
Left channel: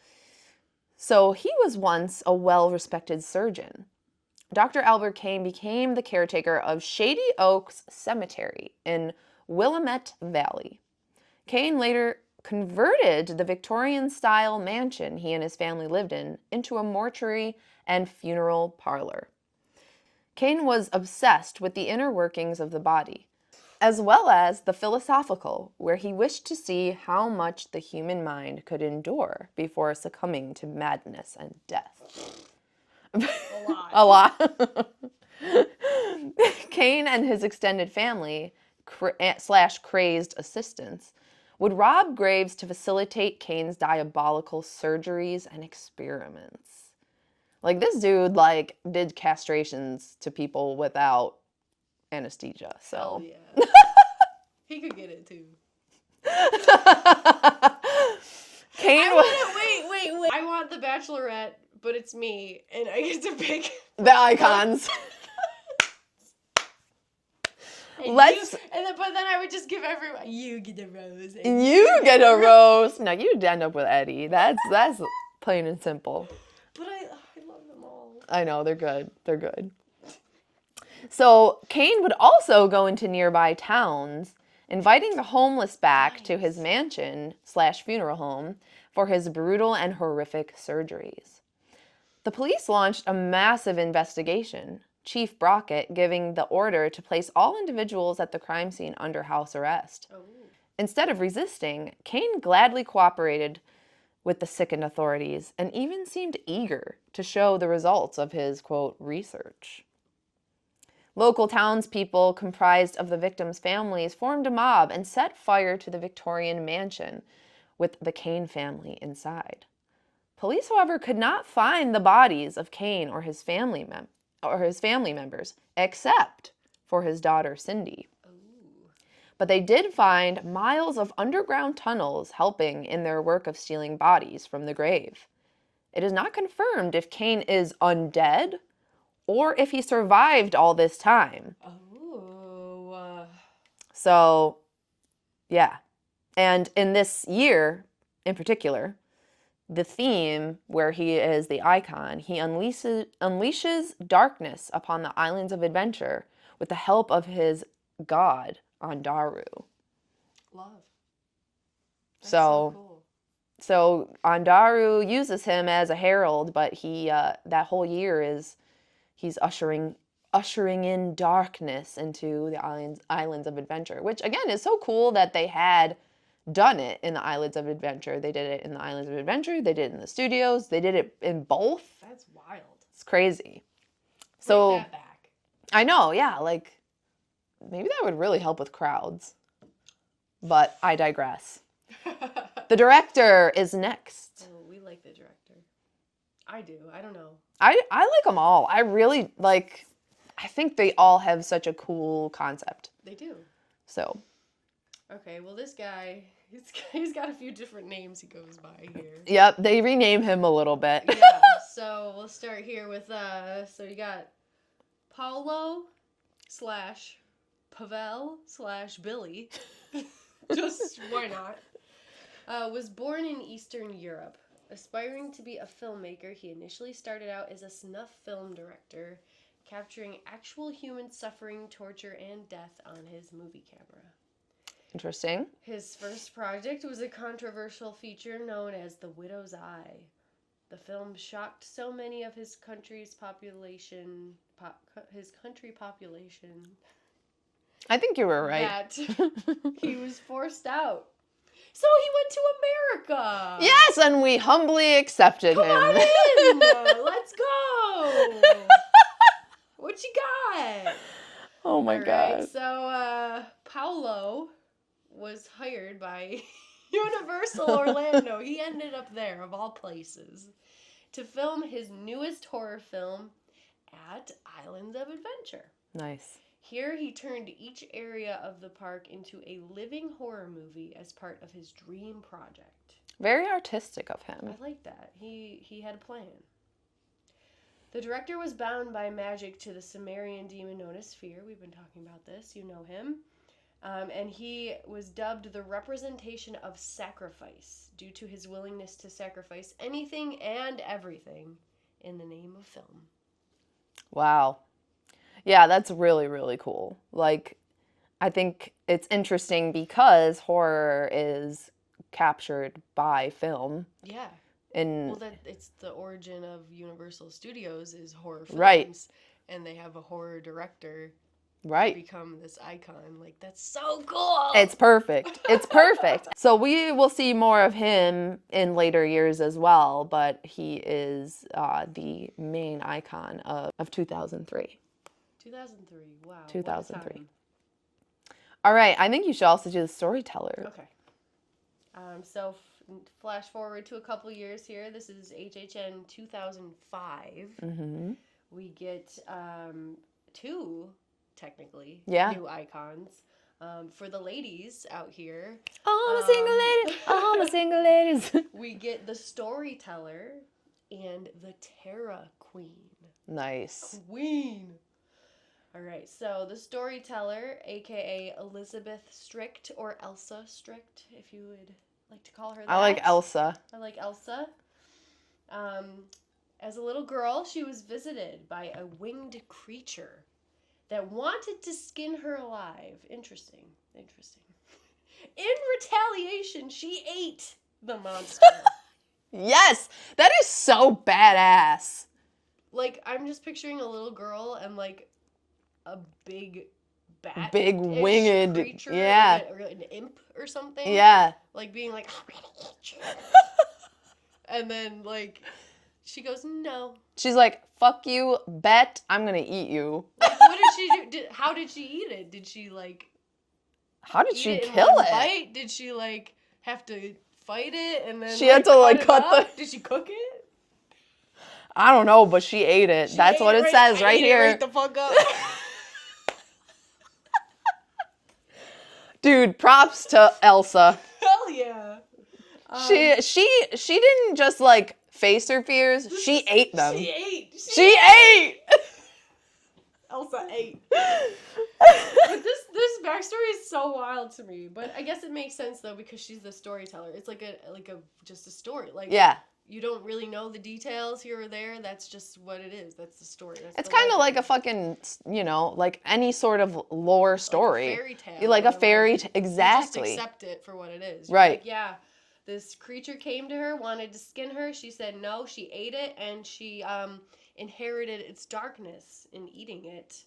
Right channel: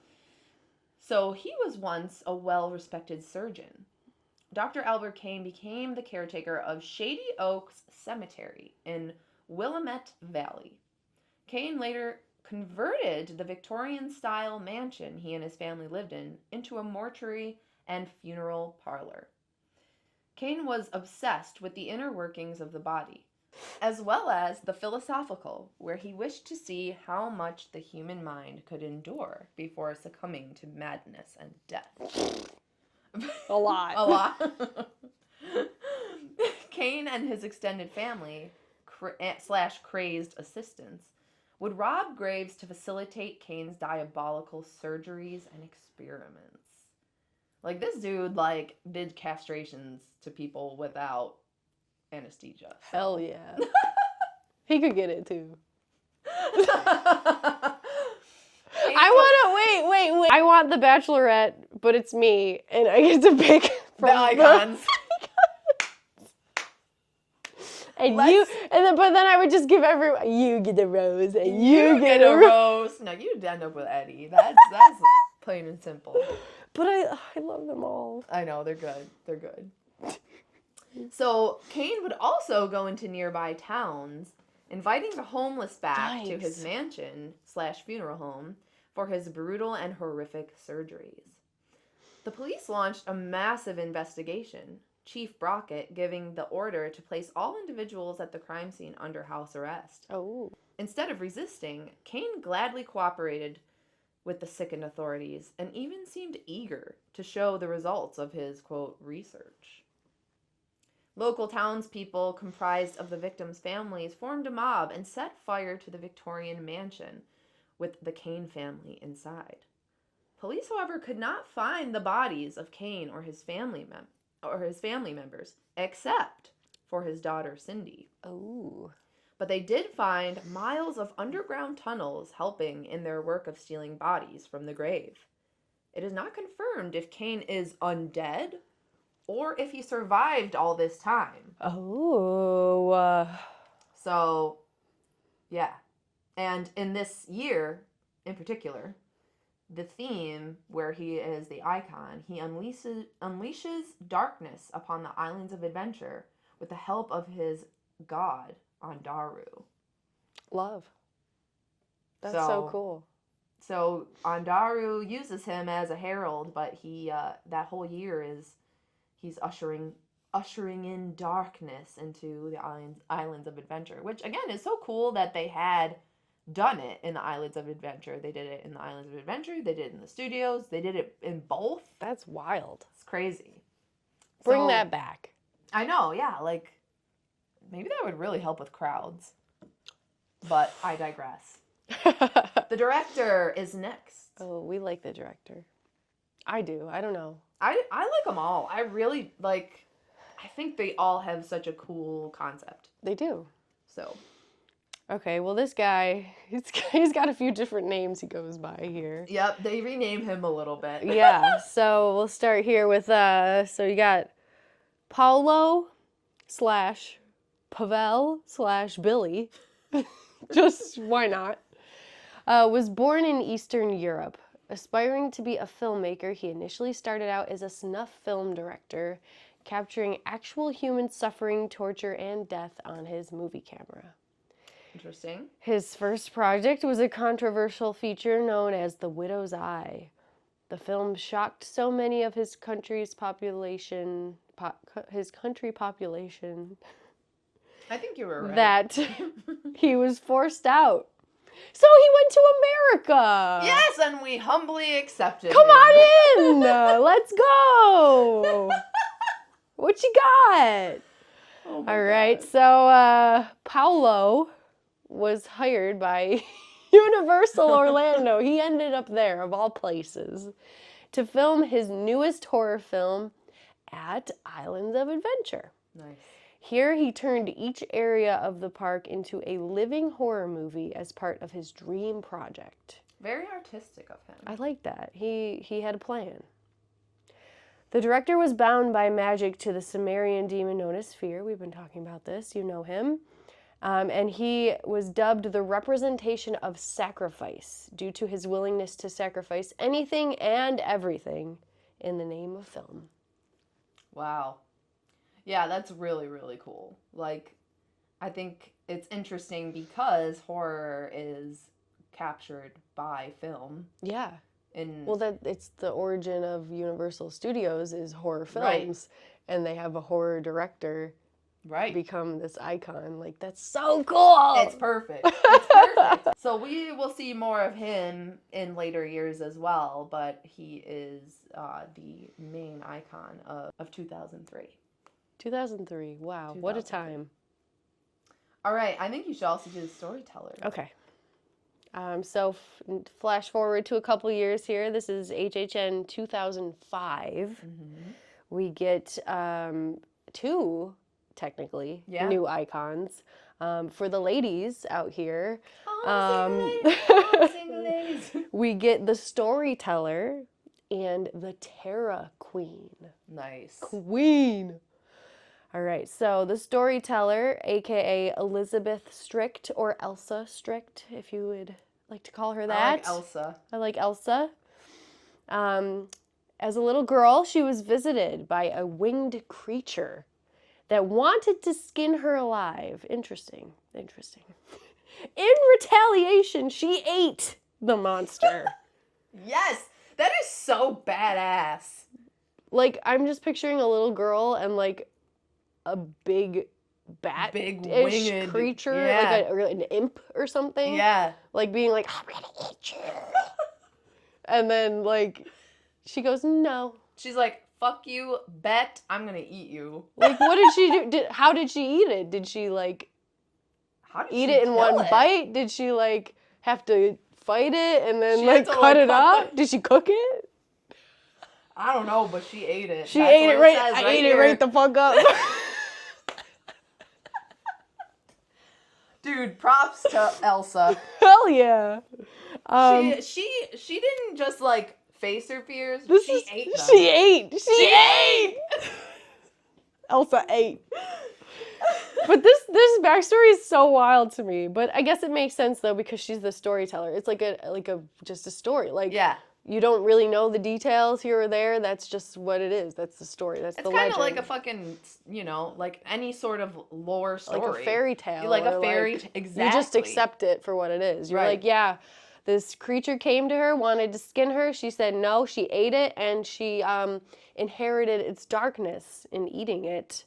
So he was once a well-respected surgeon. Dr. Albert Kane became the caretaker of Shady Oaks Cemetery in Willamette Valley. Kane later converted the Victorian-style mansion he and his family lived in into a mortuary and funeral parlor. Kane was obsessed with the inner workings of the body. as well as the philosophical, where he wished to see how much the human mind could endure before succumbing to madness and death. A lot. A lot. Kane and his extended family / crazed assistants would rob graves to facilitate Kane's diabolical surgeries and experiments. Like, this dude, like, did castrations to people without anesthesia. So. Hell yeah. He could get it too. Kane Wait. I want the Bachelorette, but it's me, and I get to pick the icons. And but then I would just give everyone, you get a rose, and you get a rose. No, you'd end up with Eddie. That's plain and simple. But I love them all. I know, they're good. They're good. So Kane would also go into nearby towns, inviting the homeless back to his mansion / funeral home for his brutal and horrific surgeries. The police launched a massive investigation, Chief Brockett giving the order to place all individuals at the crime scene under house arrest. Oh. Instead of resisting, Kane gladly cooperated with the sickened authorities and even seemed eager to show the results of his, quote, research. Local townspeople comprised of the victims' families formed a mob and set fire to the Victorian mansion with the Kane family inside. Police, however, could not find the bodies of Kane or his family members, except for his daughter Cindy. Oh. But they did find miles of underground tunnels helping in their work of stealing bodies from the grave. It is not confirmed if Kane is undead or if he survived all this time. Oh. So, yeah. And in this year, in particular, the theme where he is the icon, he unleashes darkness upon the islands of adventure with the help of his god, Andaru. Love. That's so cool. So Andaru uses him as a herald, but he that whole year he's ushering in darkness into the islands of adventure, which again is so cool that they had done it in the Islands of Adventure. They did it in the Islands of Adventure. They did it in the studios. They did it in both. That's wild. It's crazy. Bring that back. I know, yeah. Like, maybe that would really help with crowds. But I digress. The director is next. Oh, we like the director. I do. I don't know. I like them all. I really, like, I think they all have such a cool concept. They do. So... Okay, well, this guy, he's got a few different names he goes by here. Yep, they rename him a little bit. Yeah, so we'll start here with, so you got Paulo / Pavel / Billy. Just, why not? Was born in Eastern Europe. Aspiring to be a filmmaker, he initially started out as a snuff film director, capturing actual human suffering, torture, and death on his movie camera. Interesting. His first project was a controversial feature known as The Widow's Eye. The film shocked so many of his country population. I think you were right. That he was forced out. So he went to America. Yes, and we humbly accepted Come him. on in. Let's go. What you got? Oh my God. All right, so Paulo was hired by Universal Orlando. He ended up there, of all places, to film his newest horror film at Islands of Adventure. Nice. Here he turned each area of the park into a living horror movie as part of his dream project. Very artistic of him. I like that. He had a plan. The director was bound by magic to the Sumerian demon known as Fear. We've been talking about this. You know him. And he was dubbed the representation of sacrifice due to his willingness to sacrifice anything and everything in the name of film. Wow. Yeah, that's really, really cool. Like, I think it's interesting because horror is captured by film. Yeah. And well, it's the origin of Universal Studios is horror films. Right. And they have a horror director Right. become this icon. Like, that's so cool. It's perfect. It's perfect. So we will see more of him in later years as well, but he is the main icon of 2003. 2003. Wow. What a 2003. time. All right. I think you should also do the storyteller. Okay. So flash forward to a couple years here. This is HHN 2005. Mm-hmm. We get two, technically, Yeah. new icons. For the ladies out here, All the single ladies. All the single ladies. we get the storyteller and the Terra Queen. Nice. Queen. All right, so the storyteller, aka Elizabeth Strict, or Elsa Strict, if you would like to call her that. I like Elsa. I like Elsa. As a little girl, she was visited by a winged creature that wanted to skin her alive. Interesting. In retaliation, she ate the monster. Yes, that is so badass. Like, I'm just picturing a little girl and, like, a big bat, Big winged creature, yeah. like an imp or something. Yeah. Like being like, I'm gonna eat you. And then like, she goes, no. She's like, fuck you, bet I'm gonna eat you. Like, what did she do? How did she eat it? Did she like How did eat she it in kill one it? bite? Did she like have to fight it and then She had to, cut like, it cut up? the- Did she cook it? I don't know, but she ate it. She That's ate what it says I right ate here. It right the fuck up. Dude, props to Elsa. Hell yeah. She didn't just like face her fears. She ate them. She ate. She ate. Elsa ate. But this backstory is so wild to me. But I guess it makes sense though because she's the storyteller. It's like a just a story. Like Yeah. you don't really know the details here or there. That's just what it is. That's the story. That's It's the kind of legend. like a fucking, like any sort of lore story. Like a fairy tale. Like a or fairy exactly. You just accept it for what it is. You're Right. like, yeah, this creature came to her, wanted to skin her. She said no. She ate it, and she inherited its darkness in eating it.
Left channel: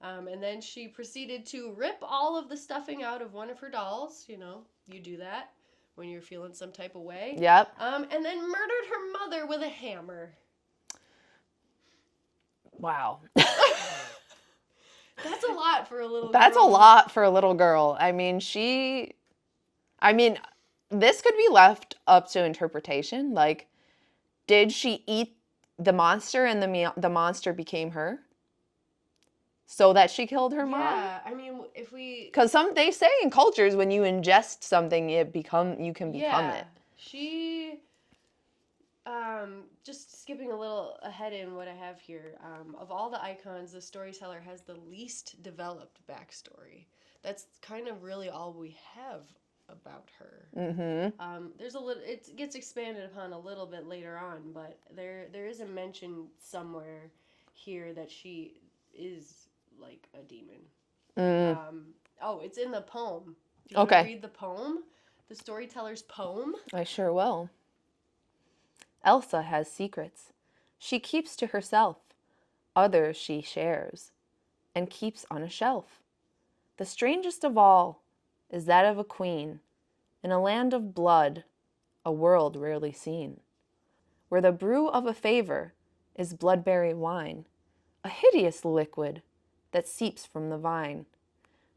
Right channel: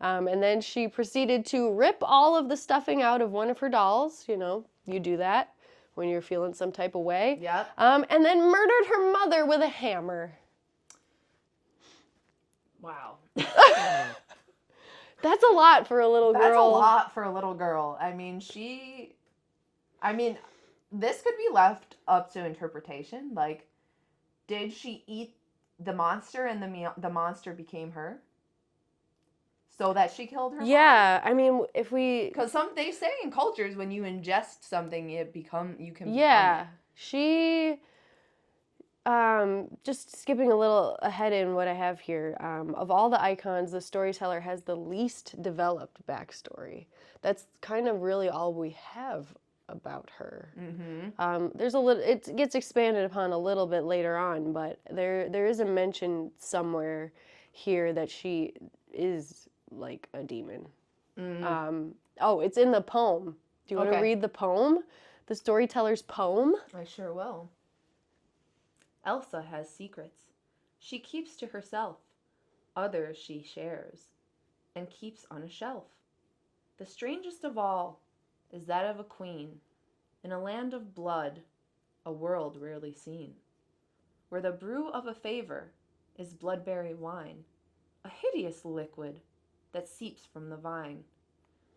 And then she proceeded to rip all of the stuffing out of one of her dolls. You know, you do that when you're feeling some type of way. Yep. And then murdered her mother with a hammer. Wow. That's a lot for a little girl. That's a lot for a little girl. I mean, this could be left up to interpretation. Like, did she eat the monster and the monster became her? So that she killed her mom? Yeah, I mean, if we... Because they say in cultures when you ingest something, you can become it. She... just skipping a little ahead in what I have here, of all the icons, the storyteller has the least developed backstory. That's kind of really all we have about her. Mm-hmm. There's a little, it gets expanded upon a little bit later on, but there is a mention somewhere here that she is like a demon. It's in the poem. Do you want to read the poem? The storyteller's poem? I sure will. Elsa has secrets. She keeps to herself. Others she shares and keeps on a shelf. The strangest of all is that of a queen in a land of blood, a world rarely seen, where the brew of a favor is bloodberry wine, a hideous liquid that seeps from the vine.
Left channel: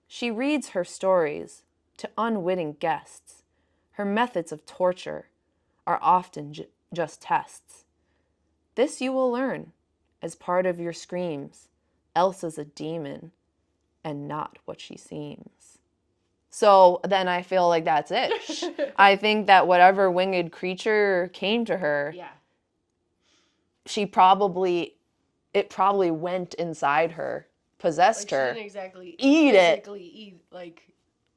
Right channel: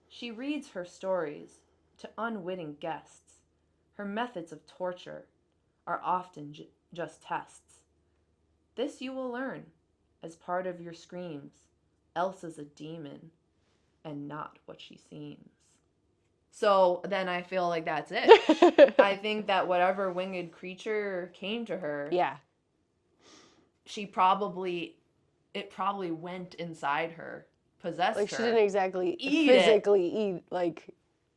She reads her stories to unwitting guests. Her methods of torture are often just tests. This you will learn as part of your screams. Elsa's a demon and not what she seems. So then I feel like that's it. I think that whatever winged creature came to her, it probably went inside her, possessed like her. She didn't exactly physically eat, like,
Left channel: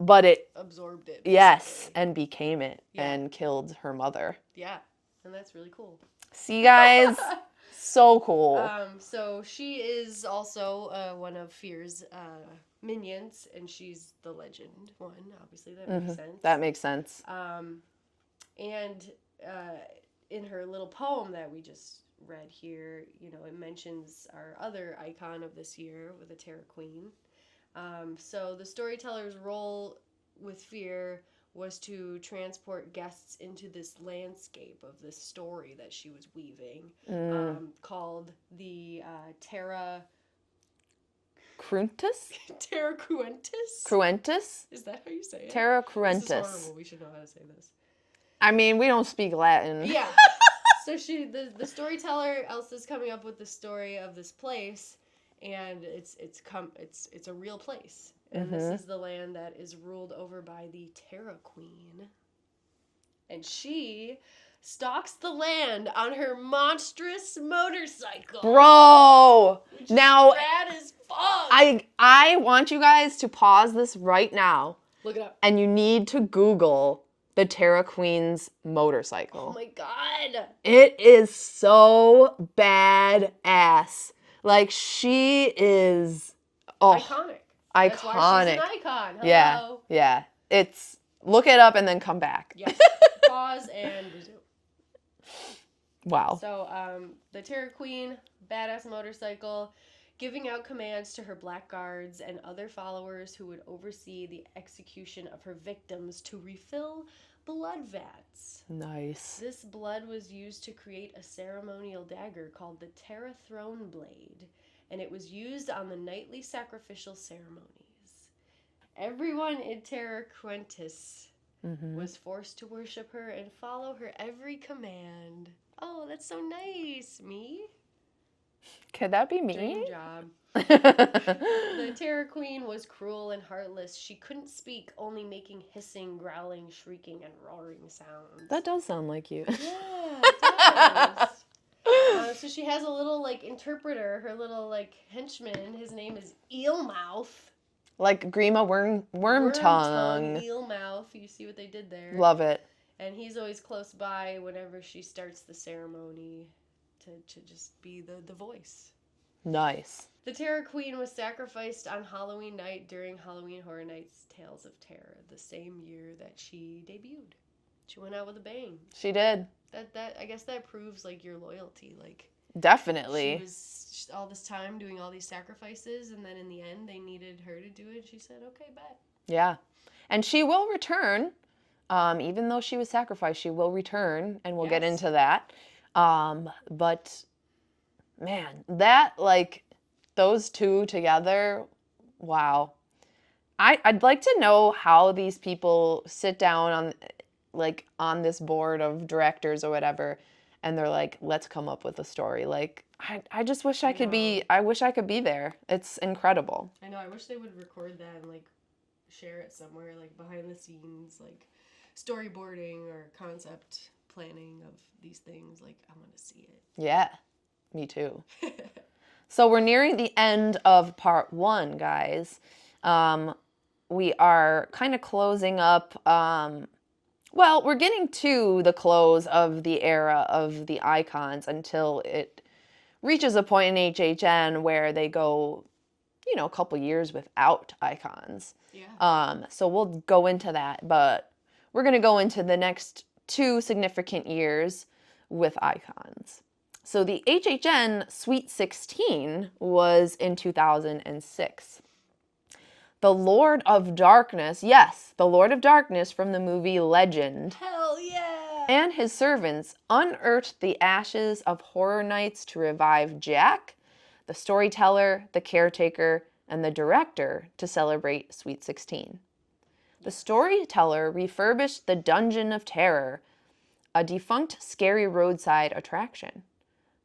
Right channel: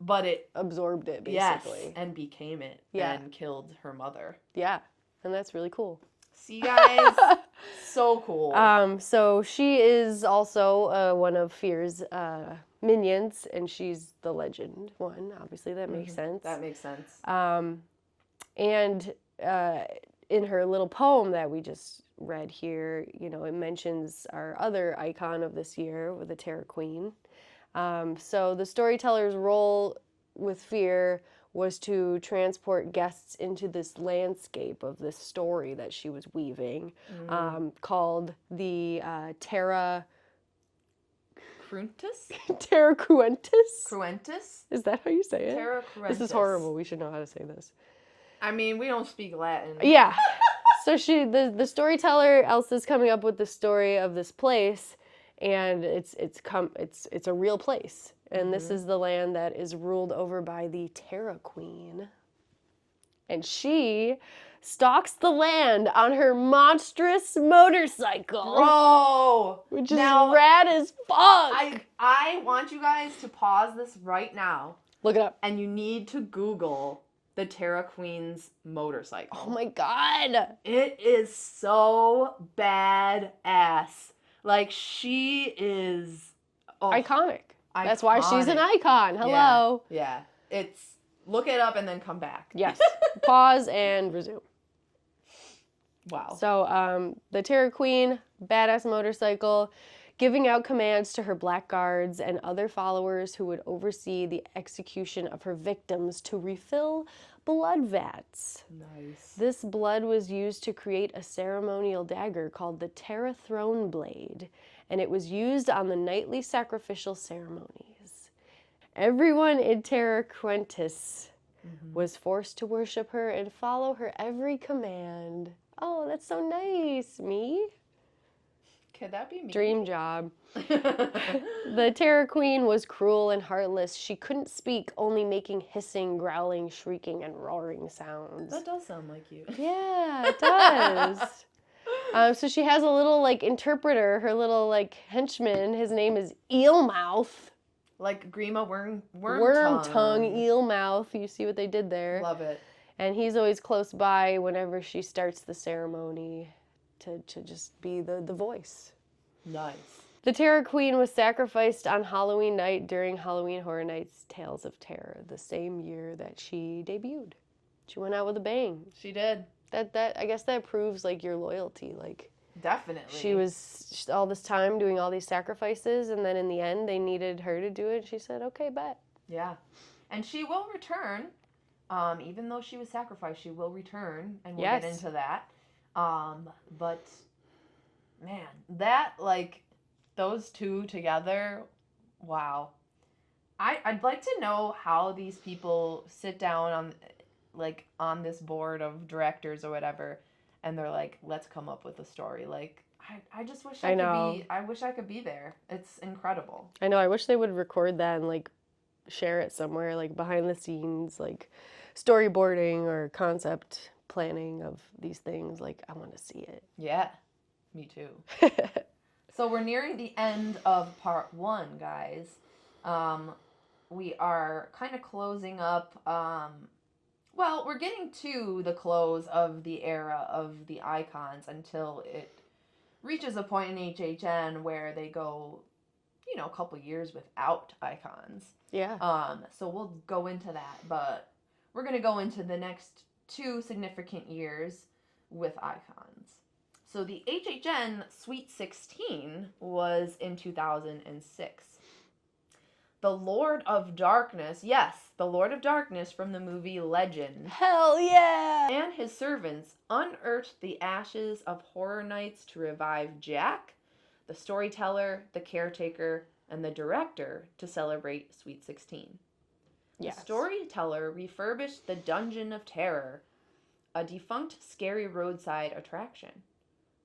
but it absorbed it, basically. Yes, and became it Yeah. and killed her mother. Yeah, and that's really cool. See, guys? So cool. So she is also one of Fear's minions, and she's the legend one. Obviously, that makes sense. That makes sense. And in her little poem that we just read here, you know, it mentions our other icon of this year with the Terror Queen. So the storyteller's role with fear was to transport guests into this landscape of this story that she was weaving, called the Terra Cruntus? Terra Cruentus. Cruentus? Is that how you say it? Terra Cruentus. This is horrible. We should know how to say this. I mean, we don't speak Latin. Yeah. So the storyteller Elsa's coming up with the story of this place, and it's a real place, and this is the land that is ruled over by the Terra Queen, and she stalks the land on her monstrous motorcycle. Bro! Which is now, rad as fuck. I want you guys to pause this right now. Look it up. And you need to Google the Terra Queen's motorcycle. Oh my god. It is so badass. Like, she is Iconic. That's why she's an icon. Hello. Yeah. It's, look it up and then come back. Yes. Pause and resume. Wow. So the Terror Queen, badass motorcycle, giving out commands to her black guards and other followers who would oversee the execution of her victims to refill blood vats. Nice. This blood was used to create a ceremonial dagger called the Terra Throne Blade, and it was used on the nightly sacrificial ceremonies. Everyone in Terra Cruentus was forced to worship her and follow her every command. Oh, that's so nice. Me? Could that be me? Dream job. The Terror Queen was cruel and heartless. She couldn't speak, only making hissing, growling, shrieking, and roaring sounds. That does sound like you. Yeah, it does. So she has a little, like, interpreter, her little, like, henchman. His name is Eelmouth. Like Grima Worm Tongue, Eelmouth. You see what they did there? Love it. And he's always close by whenever she starts the ceremony to just be the voice. Nice. The Terror Queen was sacrificed on Halloween night during Halloween Horror Nights Tales of Terror, the same year that she debuted. She went out with a bang. She did. That I guess that proves, like, your loyalty. Like, Definitely. she was all this time doing all these sacrifices, and then in the end they needed her to do it, and she said, okay, bet. Yeah. And she will return. Even though she was sacrificed, she will return, and we'll get into that. But, man, that, like, those two together, wow. I'd like to know how these people sit down on this board of directors or whatever, and they're like, let's come up with a story. Like, I just wish I could be there. It's incredible. I know, I wish they would record that and, like, share it somewhere, like, behind the scenes, like, storyboarding or concept planning of these things. Like, I want to see it. Yeah, me too. So we're nearing the end of part 1, guys. We are kind of closing up. Well, we're getting to the close of the era of the icons until it reaches a point in HHN where they go, a couple years without icons. Yeah. So we'll go into that, but we're going to go into the next 2 significant years with icons. So the HHN Sweet 16 was in 2006. The Lord of Darkness, yes, the Lord of Darkness from the movie Legend. Hell yeah! And his servants unearthed the ashes of Horror Nights to revive Jack, the storyteller, the caretaker, and the director to celebrate Sweet 16. Yes. The storyteller refurbished the Dungeon of Terror, a defunct scary roadside attraction.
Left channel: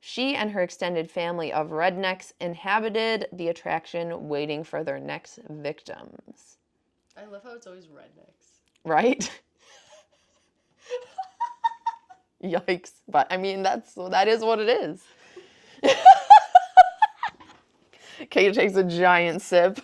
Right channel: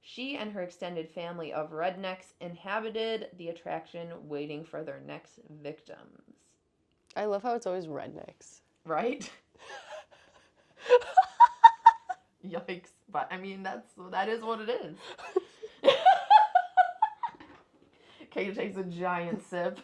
She and her extended family of rednecks inhabited the attraction, waiting for their next victims. I love how it's always rednecks. Right? Yikes. But, I mean, that is what it is. Kate takes a giant sip.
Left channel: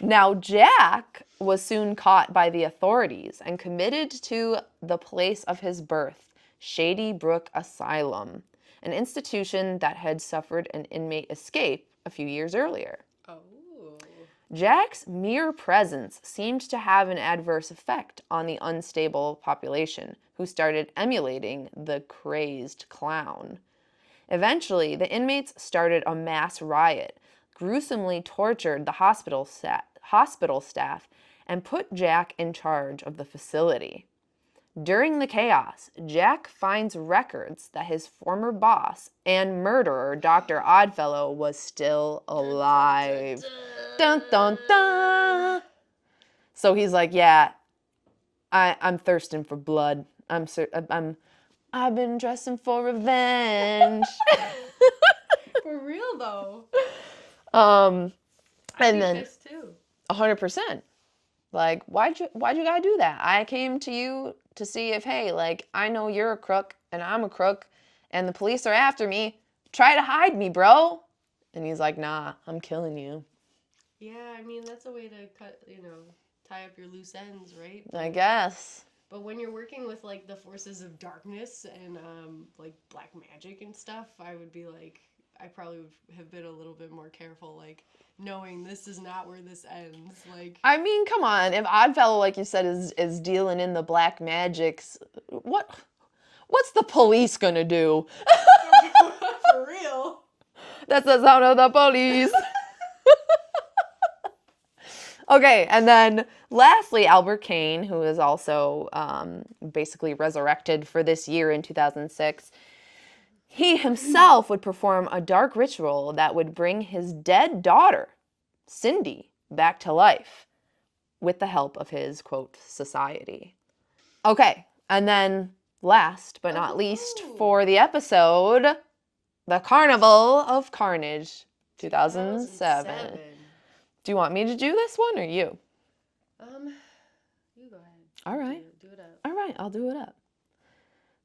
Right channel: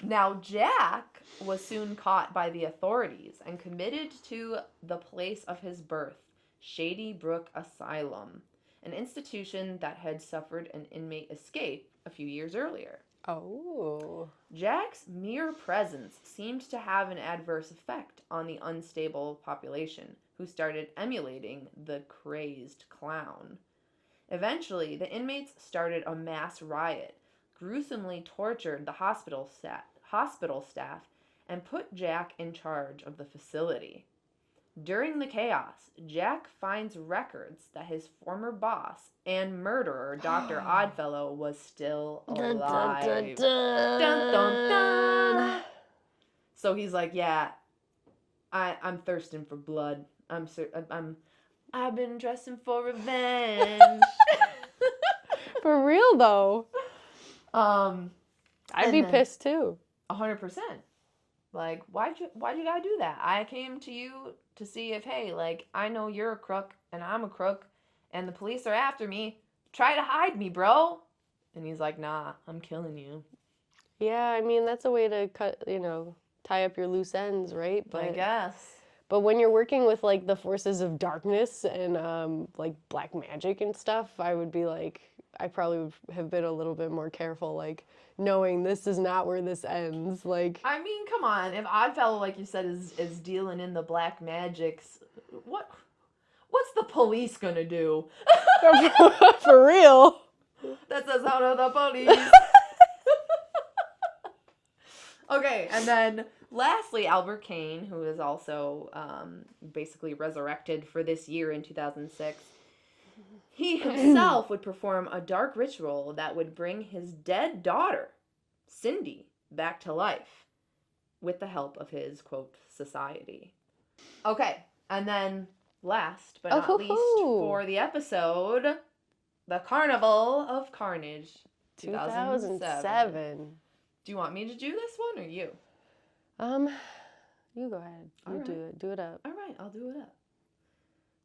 Now, Jack was soon caught by the authorities and committed to the place of his birth, Shady Brook Asylum, an institution that had suffered an inmate escape a few years earlier. Oh. Jack's mere presence seemed to have an adverse effect on the unstable population, who started emulating the crazed clown. Eventually, the inmates started a mass riot, gruesomely tortured the hospital staff and put Jack in charge of the facility. During the chaos, Jack finds records that his former boss and murderer, Dr. Oddfellow, was still alive. Dun, dun, dun. So he's like, yeah, I'm thirsting for blood. I've been dressing for revenge. For real though. I'd I'd be pissed too. 100%. Like, why'd you gotta do that? I came to you to see if, hey, like, I know you're a crook and I'm a crook and the police are after me. Try to hide me, bro. And he's like, nah, I'm killing you. Yeah, I mean, that's a way to tie up your loose ends, right? I guess. But when you're working with, like, the forces of darkness and, like, black magic and stuff, I would be like, I probably would have been a little bit more careful, like, knowing this is not where this ends. Like, I mean, come on. If Oddfellow, like you said, is dealing in the black magics, what's the police gonna do? for real. That's the sound of the police. Okay, and then lastly, Albert Kane, who is also basically resurrected for this year in 2006, he himself would perform a dark ritual that would bring his dead daughter, Cindy, back to life with the help of his, quote, society. Okay, and then last but not least for the episode, The Carnival of Carnage, 2007. Do you want me to do this one or you? You go ahead. All right. Do it up. All right, I'll do it up.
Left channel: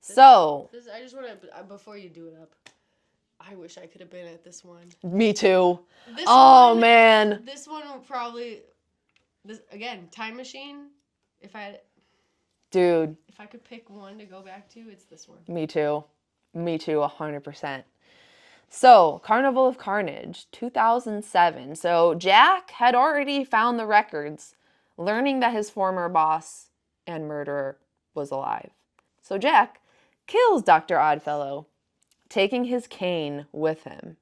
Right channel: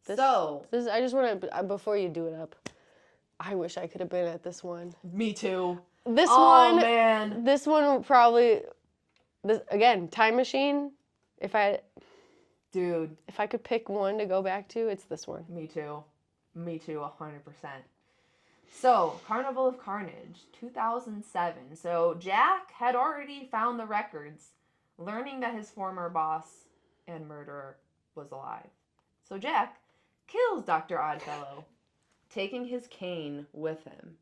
I just want to, before you do it up, I wish I could have been at this one. Me too. Man. This one will probably, again, time machine. If I could pick one to go back to, it's this one. Me too, 100%. So, Carnival of Carnage, 2007. So, Jack had already found the records, learning that his former boss and murderer was alive. So, Jack kills Dr. Oddfellow, taking his cane with him,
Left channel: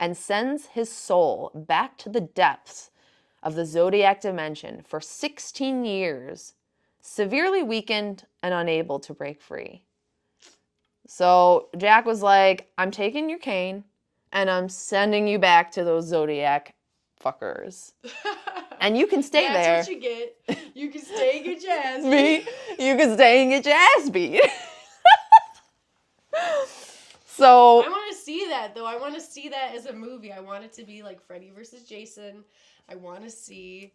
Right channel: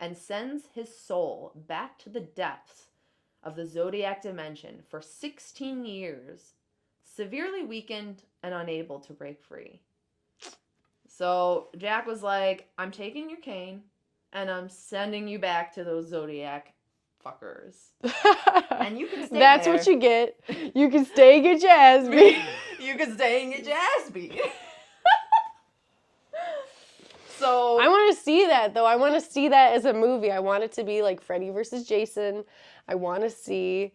and sends his soul back to the depths of the Zodiac dimension for 16 years, severely weakened and unable to break free. So Jack was like, I'm taking your cane and I'm sending you back to those Zodiac fuckers. And you can stay there. That's what you get. You can stay and get your ass beat. You can stay and get your ass beat. So I want to see that, though. I want to see that as a movie. I want it to be like Freddy versus Jason. I want to see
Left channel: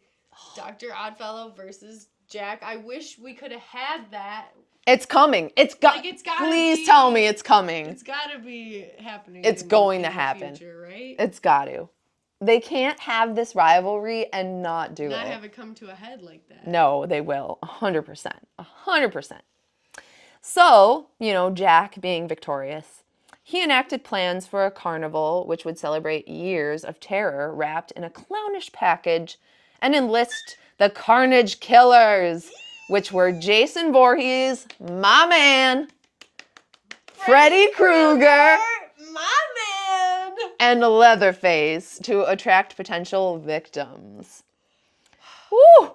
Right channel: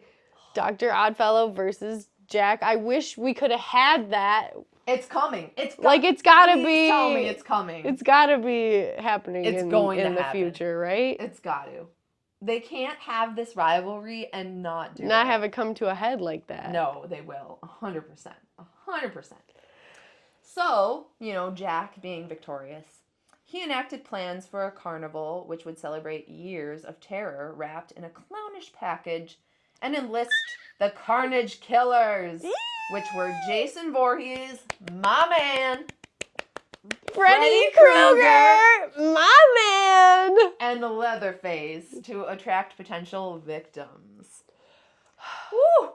Dr. Oddfellow versus Jack. I wish we could have had that. It's coming. It's gotta be. Please tell me it's coming. It's gotta be happening. It's going to happen in the future, right? It's got to. They can't have this rivalry and not do it. Not have it come to a head like that. No, they will. 100%. 100%. So, Jack being victorious, he enacted plans for a carnival which would celebrate years of terror wrapped in a clownish package and enlist the Carnage Killers, which were Jason Voorhees, my man, Freddy Krueger, my man, and Leatherface to attract potential victims. Woo!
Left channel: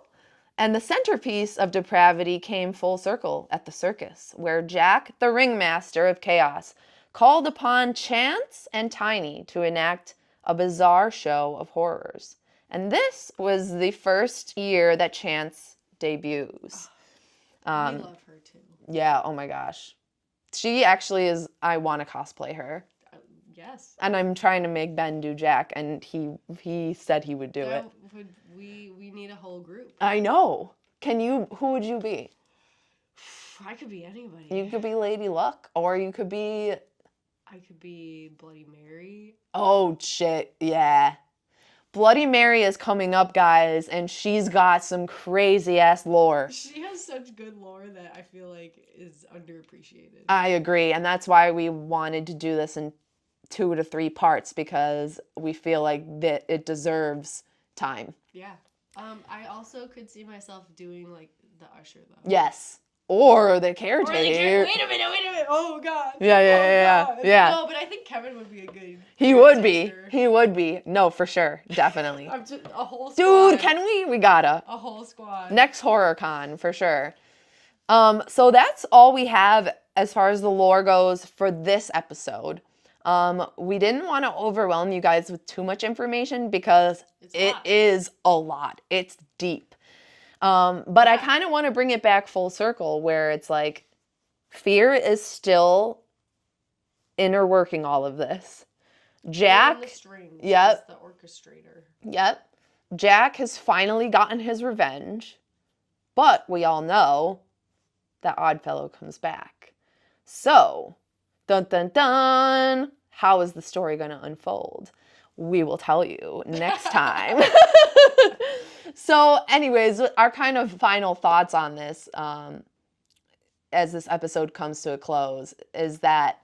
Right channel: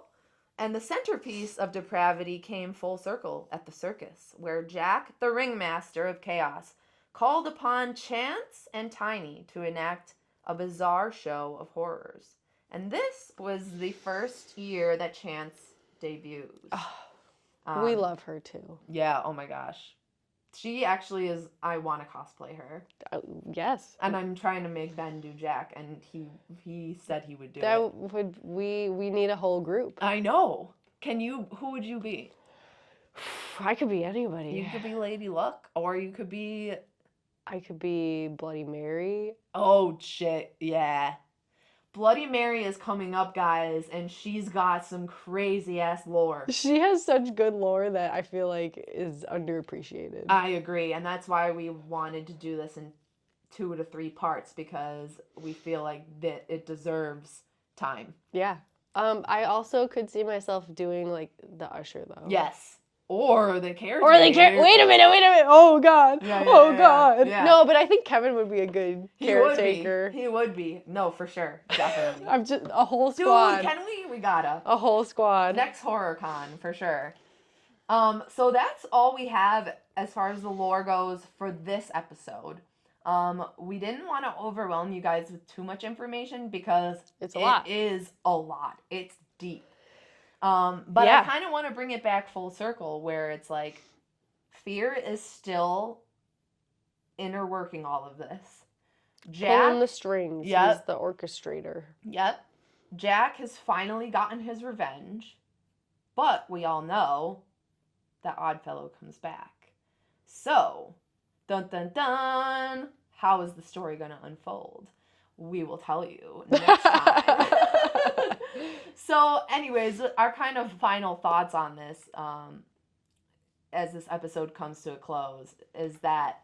And the centerpiece of depravity came full circle at the circus, where Jack, the ringmaster of chaos, called upon Chance and Tiny to enact a bizarre show of horrors. And this was the first year that Chance debuts. We love her too. Yeah, oh my gosh. She actually is, I want to cosplay her. Yes. And I'm trying to make Ben do Jack, and he said he would do it. We need a whole group. I know. Who would you be? I could be anybody. You could be Lady Luck, or you could be... I could be Bloody Mary. Oh, shit, yeah. Bloody Mary is coming up, guys, and she's got some crazy-ass lore. She has such good lore that I feel like is underappreciated. I agree, and that's why we wanted to do this in 2 to 3 parts, because we feel like that it deserves time. Yeah. I also could see myself doing, like, the usher, though. Yes. Or the caretaker. Or they can't. Wait a minute. Oh God. Yeah, yeah, oh yeah, God. yeah. No, but I think Kevin would be a good. He would be. caretaker. He would be. No, for sure. Definitely. I'm just a whole squad. Dude, can we? We gotta. A whole squad. Next horror con for sure. So that's all we have as far as the lore goes for this episode. We didn't want to overwhelm you guys with too much information because it is a lot. It's deep. But I kind of want to bring it back full circle where it's like fear is still inner working all of this. Jack pulling the strings. Yep. He's the orchestrator. Yep. Jack has finally gotten his revenge, but we all know that Oddfellow comes back. So, dun dun dun, how is the story going to unfold? We will tell you next time. So, anyways, our kind of final thoughts on this, as this episode comes to a close, is that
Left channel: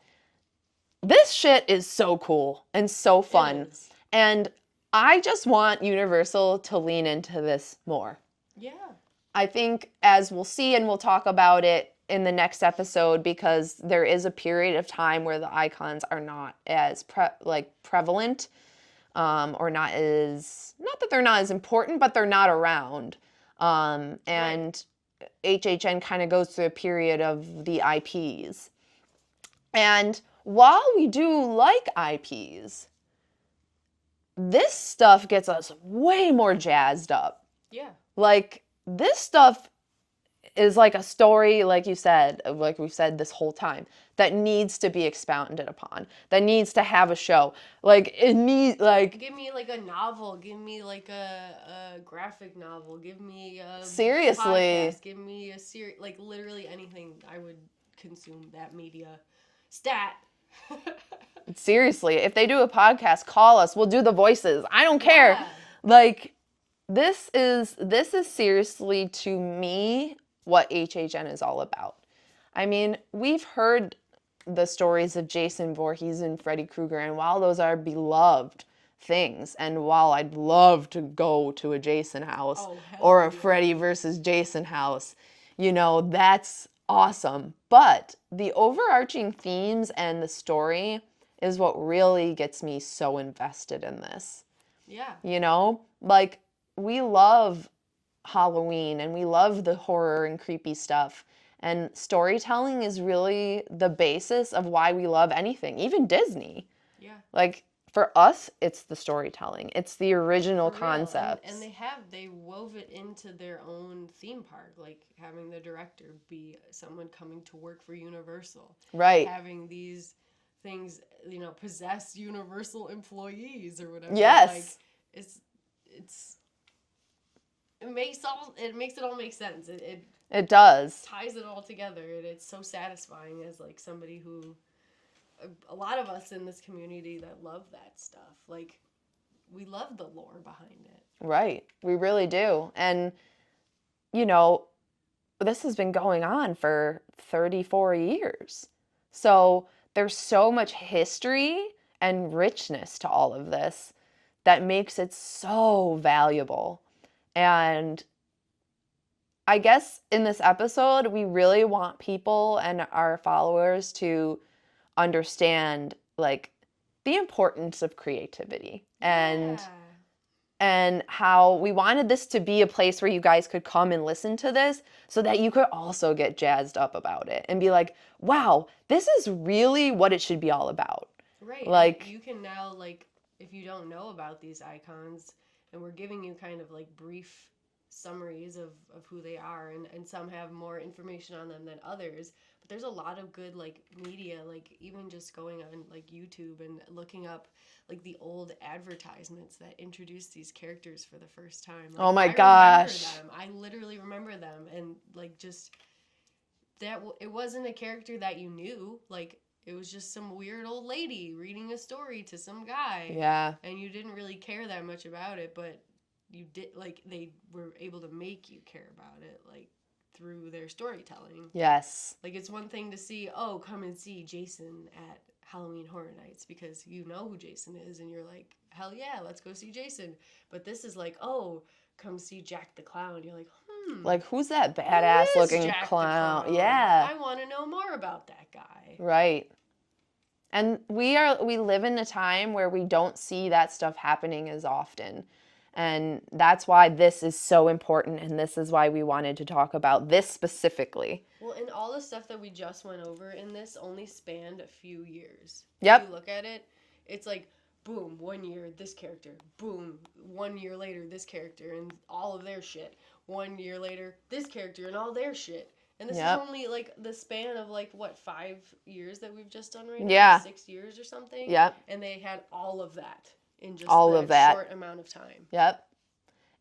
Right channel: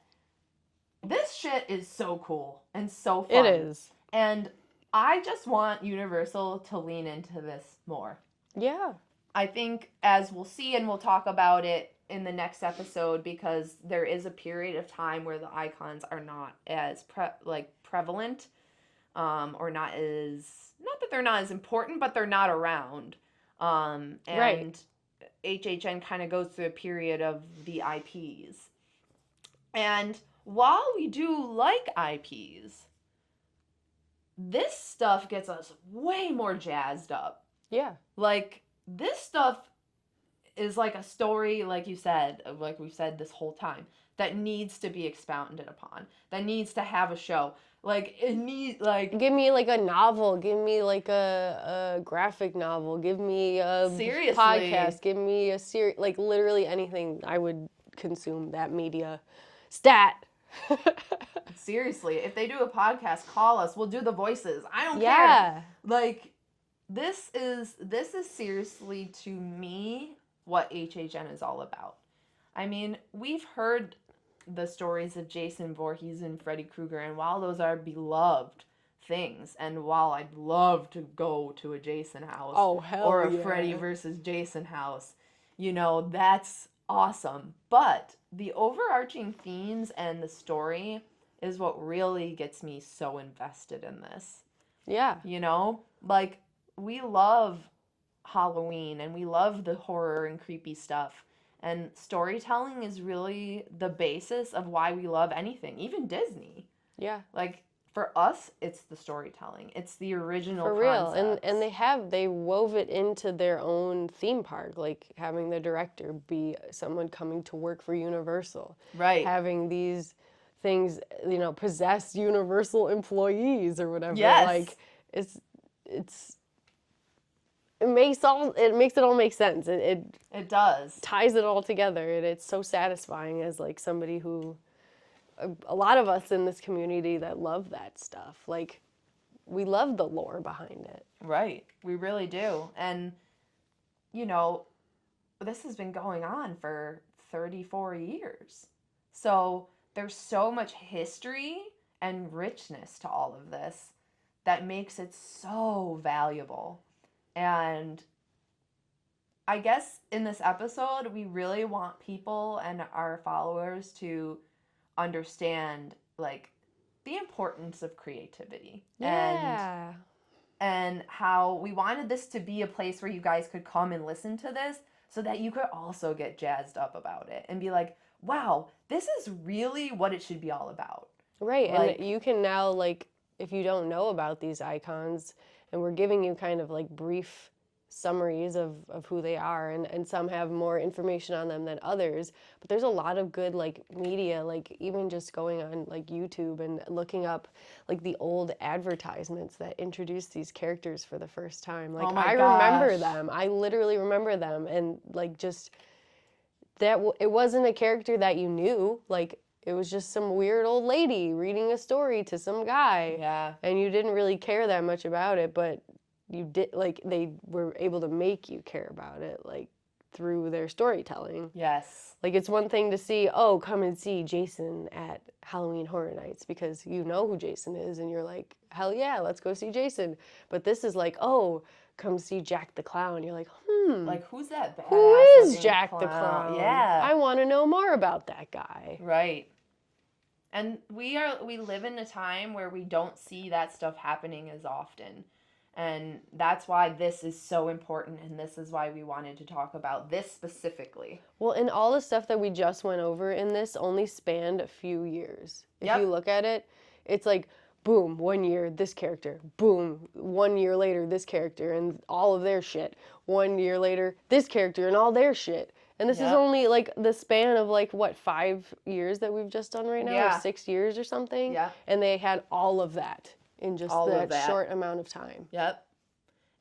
this shit is so cool and so fun. It is. And I just want Universal to lean into this more. Yeah. I think, as we'll see and we'll talk about it in the next episode, because there is a period of time where the icons are not as prevalent, or not that they're not as important, but they're not around. And right. HHN kind of goes through a period of the IPs. And while we do like IPs, this stuff gets us way more jazzed up. Yeah. Like, this stuff is like a story, like you said, like we've said this whole time, that needs to be expounded upon, that needs to have a show. Like, it needs, like... Give me, like, a novel. Give me, like, a graphic novel. Give me a seriously podcast. Give me a series. Like, literally anything. I would consume that media. Stat. Seriously, if they do a podcast, call us. We'll do the voices. I don't care. Like, this is seriously, to me, what HHN is all about. I mean, we've heard the stories of Jason Voorhees and Freddy Krueger, and while those are beloved things, and while I'd love to go to a Jason house or a Freddy versus Jason house, you know, that's awesome. But the overarching themes and the story is what really gets me so invested in this. Yeah. You know, like, we love Halloween and we love the horror and creepy stuff. And storytelling is really the basis of why we love anything, even Disney. Yeah. Like, for us, it's the storytelling. It's the original concept. And they wove it into their own theme park, like having the director be someone coming to work for Universal. Right. Having these things, you know, possess Universal employees or whatever. Yes. Like, it makes it all make sense. It does. Ties it all together, and it's so satisfying as, like, somebody who, a lot of us in this community that love that stuff, like, we love the lore behind it. Right. We really do. And, you know, this has been going on for 34 years. So there's so much history and richness to all of this that makes it so valuable. And I guess in this episode, we really want people and our followers to understand, like, the importance of creativity. And how we wanted this to be a place where you guys could come and listen to this so that you could also get jazzed up about it and be like, wow, this is really what it should be all about. Right. Like, and you can now, like, if you don't know about these icons, and we're giving you kind of, like, brief summaries of who they are, and some have more information on them than others, but there's a lot of good, like, media, like, even just going on, like, YouTube and looking up, like, the old advertisements that introduced these characters for the first time. Like, oh my gosh. I remember them. I literally remember them, and, like, just that it wasn't a character that you knew. Like, it was just some weird old lady reading a story to some guy. Yeah. And you didn't really care that much about it, but you did, like, they were able to make you care about it, like, through their storytelling. Yes. Like, it's one thing to see, oh, come and see Jason at Halloween Horror Nights because you know who Jason is and you're like, hell yeah, let's go see Jason. But this is like, oh, come see Jack the Clown. You're like, Like, who's that Who badass is looking Jack the clown? Clown? Yeah. I want to know more about that guy. Right. And we live in a time where we don't see that stuff happening as often. And that's why this is so important, and this is why we wanted to talk about this specifically. Well, and all the stuff that we just went over in this only spanned a few years. Yep. If you look at it, it's like, boom, 1 year, this character. Boom, 1 year later, this character and all of their shit. 1 year later, this character and all their shit. And this is Yep. only like the span of like, what, 5 years that we've just done right now? Yeah. 6 years or something? Yep. And they had all of that in just All of that. short amount of time. Yep.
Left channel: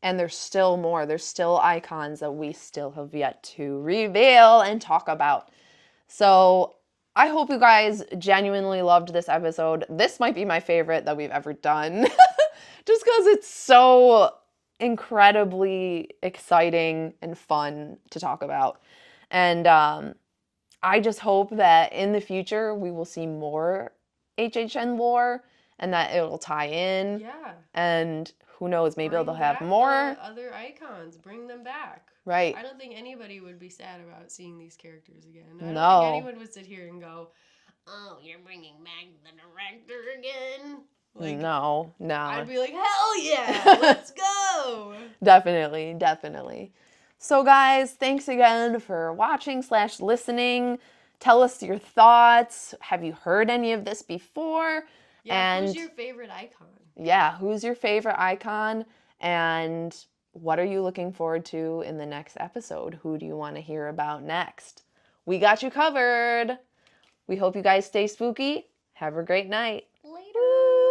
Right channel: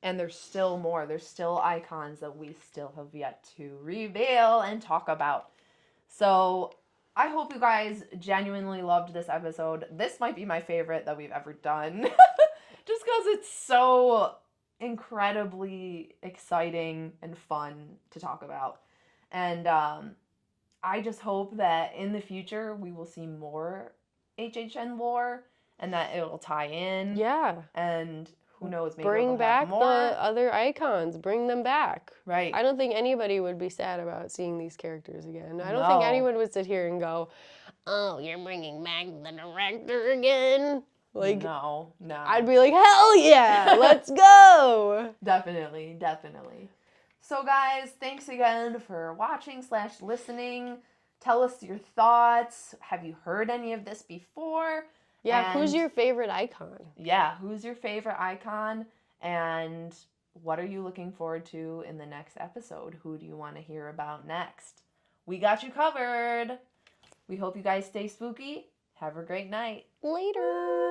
And there's still more. There's still icons that we still have yet to reveal and talk about. So I hope you guys genuinely loved this episode. This might be my favorite that we've ever done. Just because it's so incredibly exciting and fun to talk about. And I just hope that in the future we will see more HHN lore and that it will tie in. Yeah. And who knows, maybe Bring they'll back have more. the other icons. Bring them back. Right. I don't think anybody would be sad about seeing these characters again. I don't No. think anyone would sit here and go, "Oh, you're bringing back the director again." Like, no. I'd be like, "Hell yeah, let's go!" Definitely, definitely. So guys, thanks again for watching / listening. Tell us your thoughts. Have you heard any of this before? Yeah, who's And- your favorite icon? Yeah, who's your favorite icon? And what are you looking forward to in the next episode? Who do you want to hear about next? We got you covered. We hope you guys stay spooky. Have a great night. Later.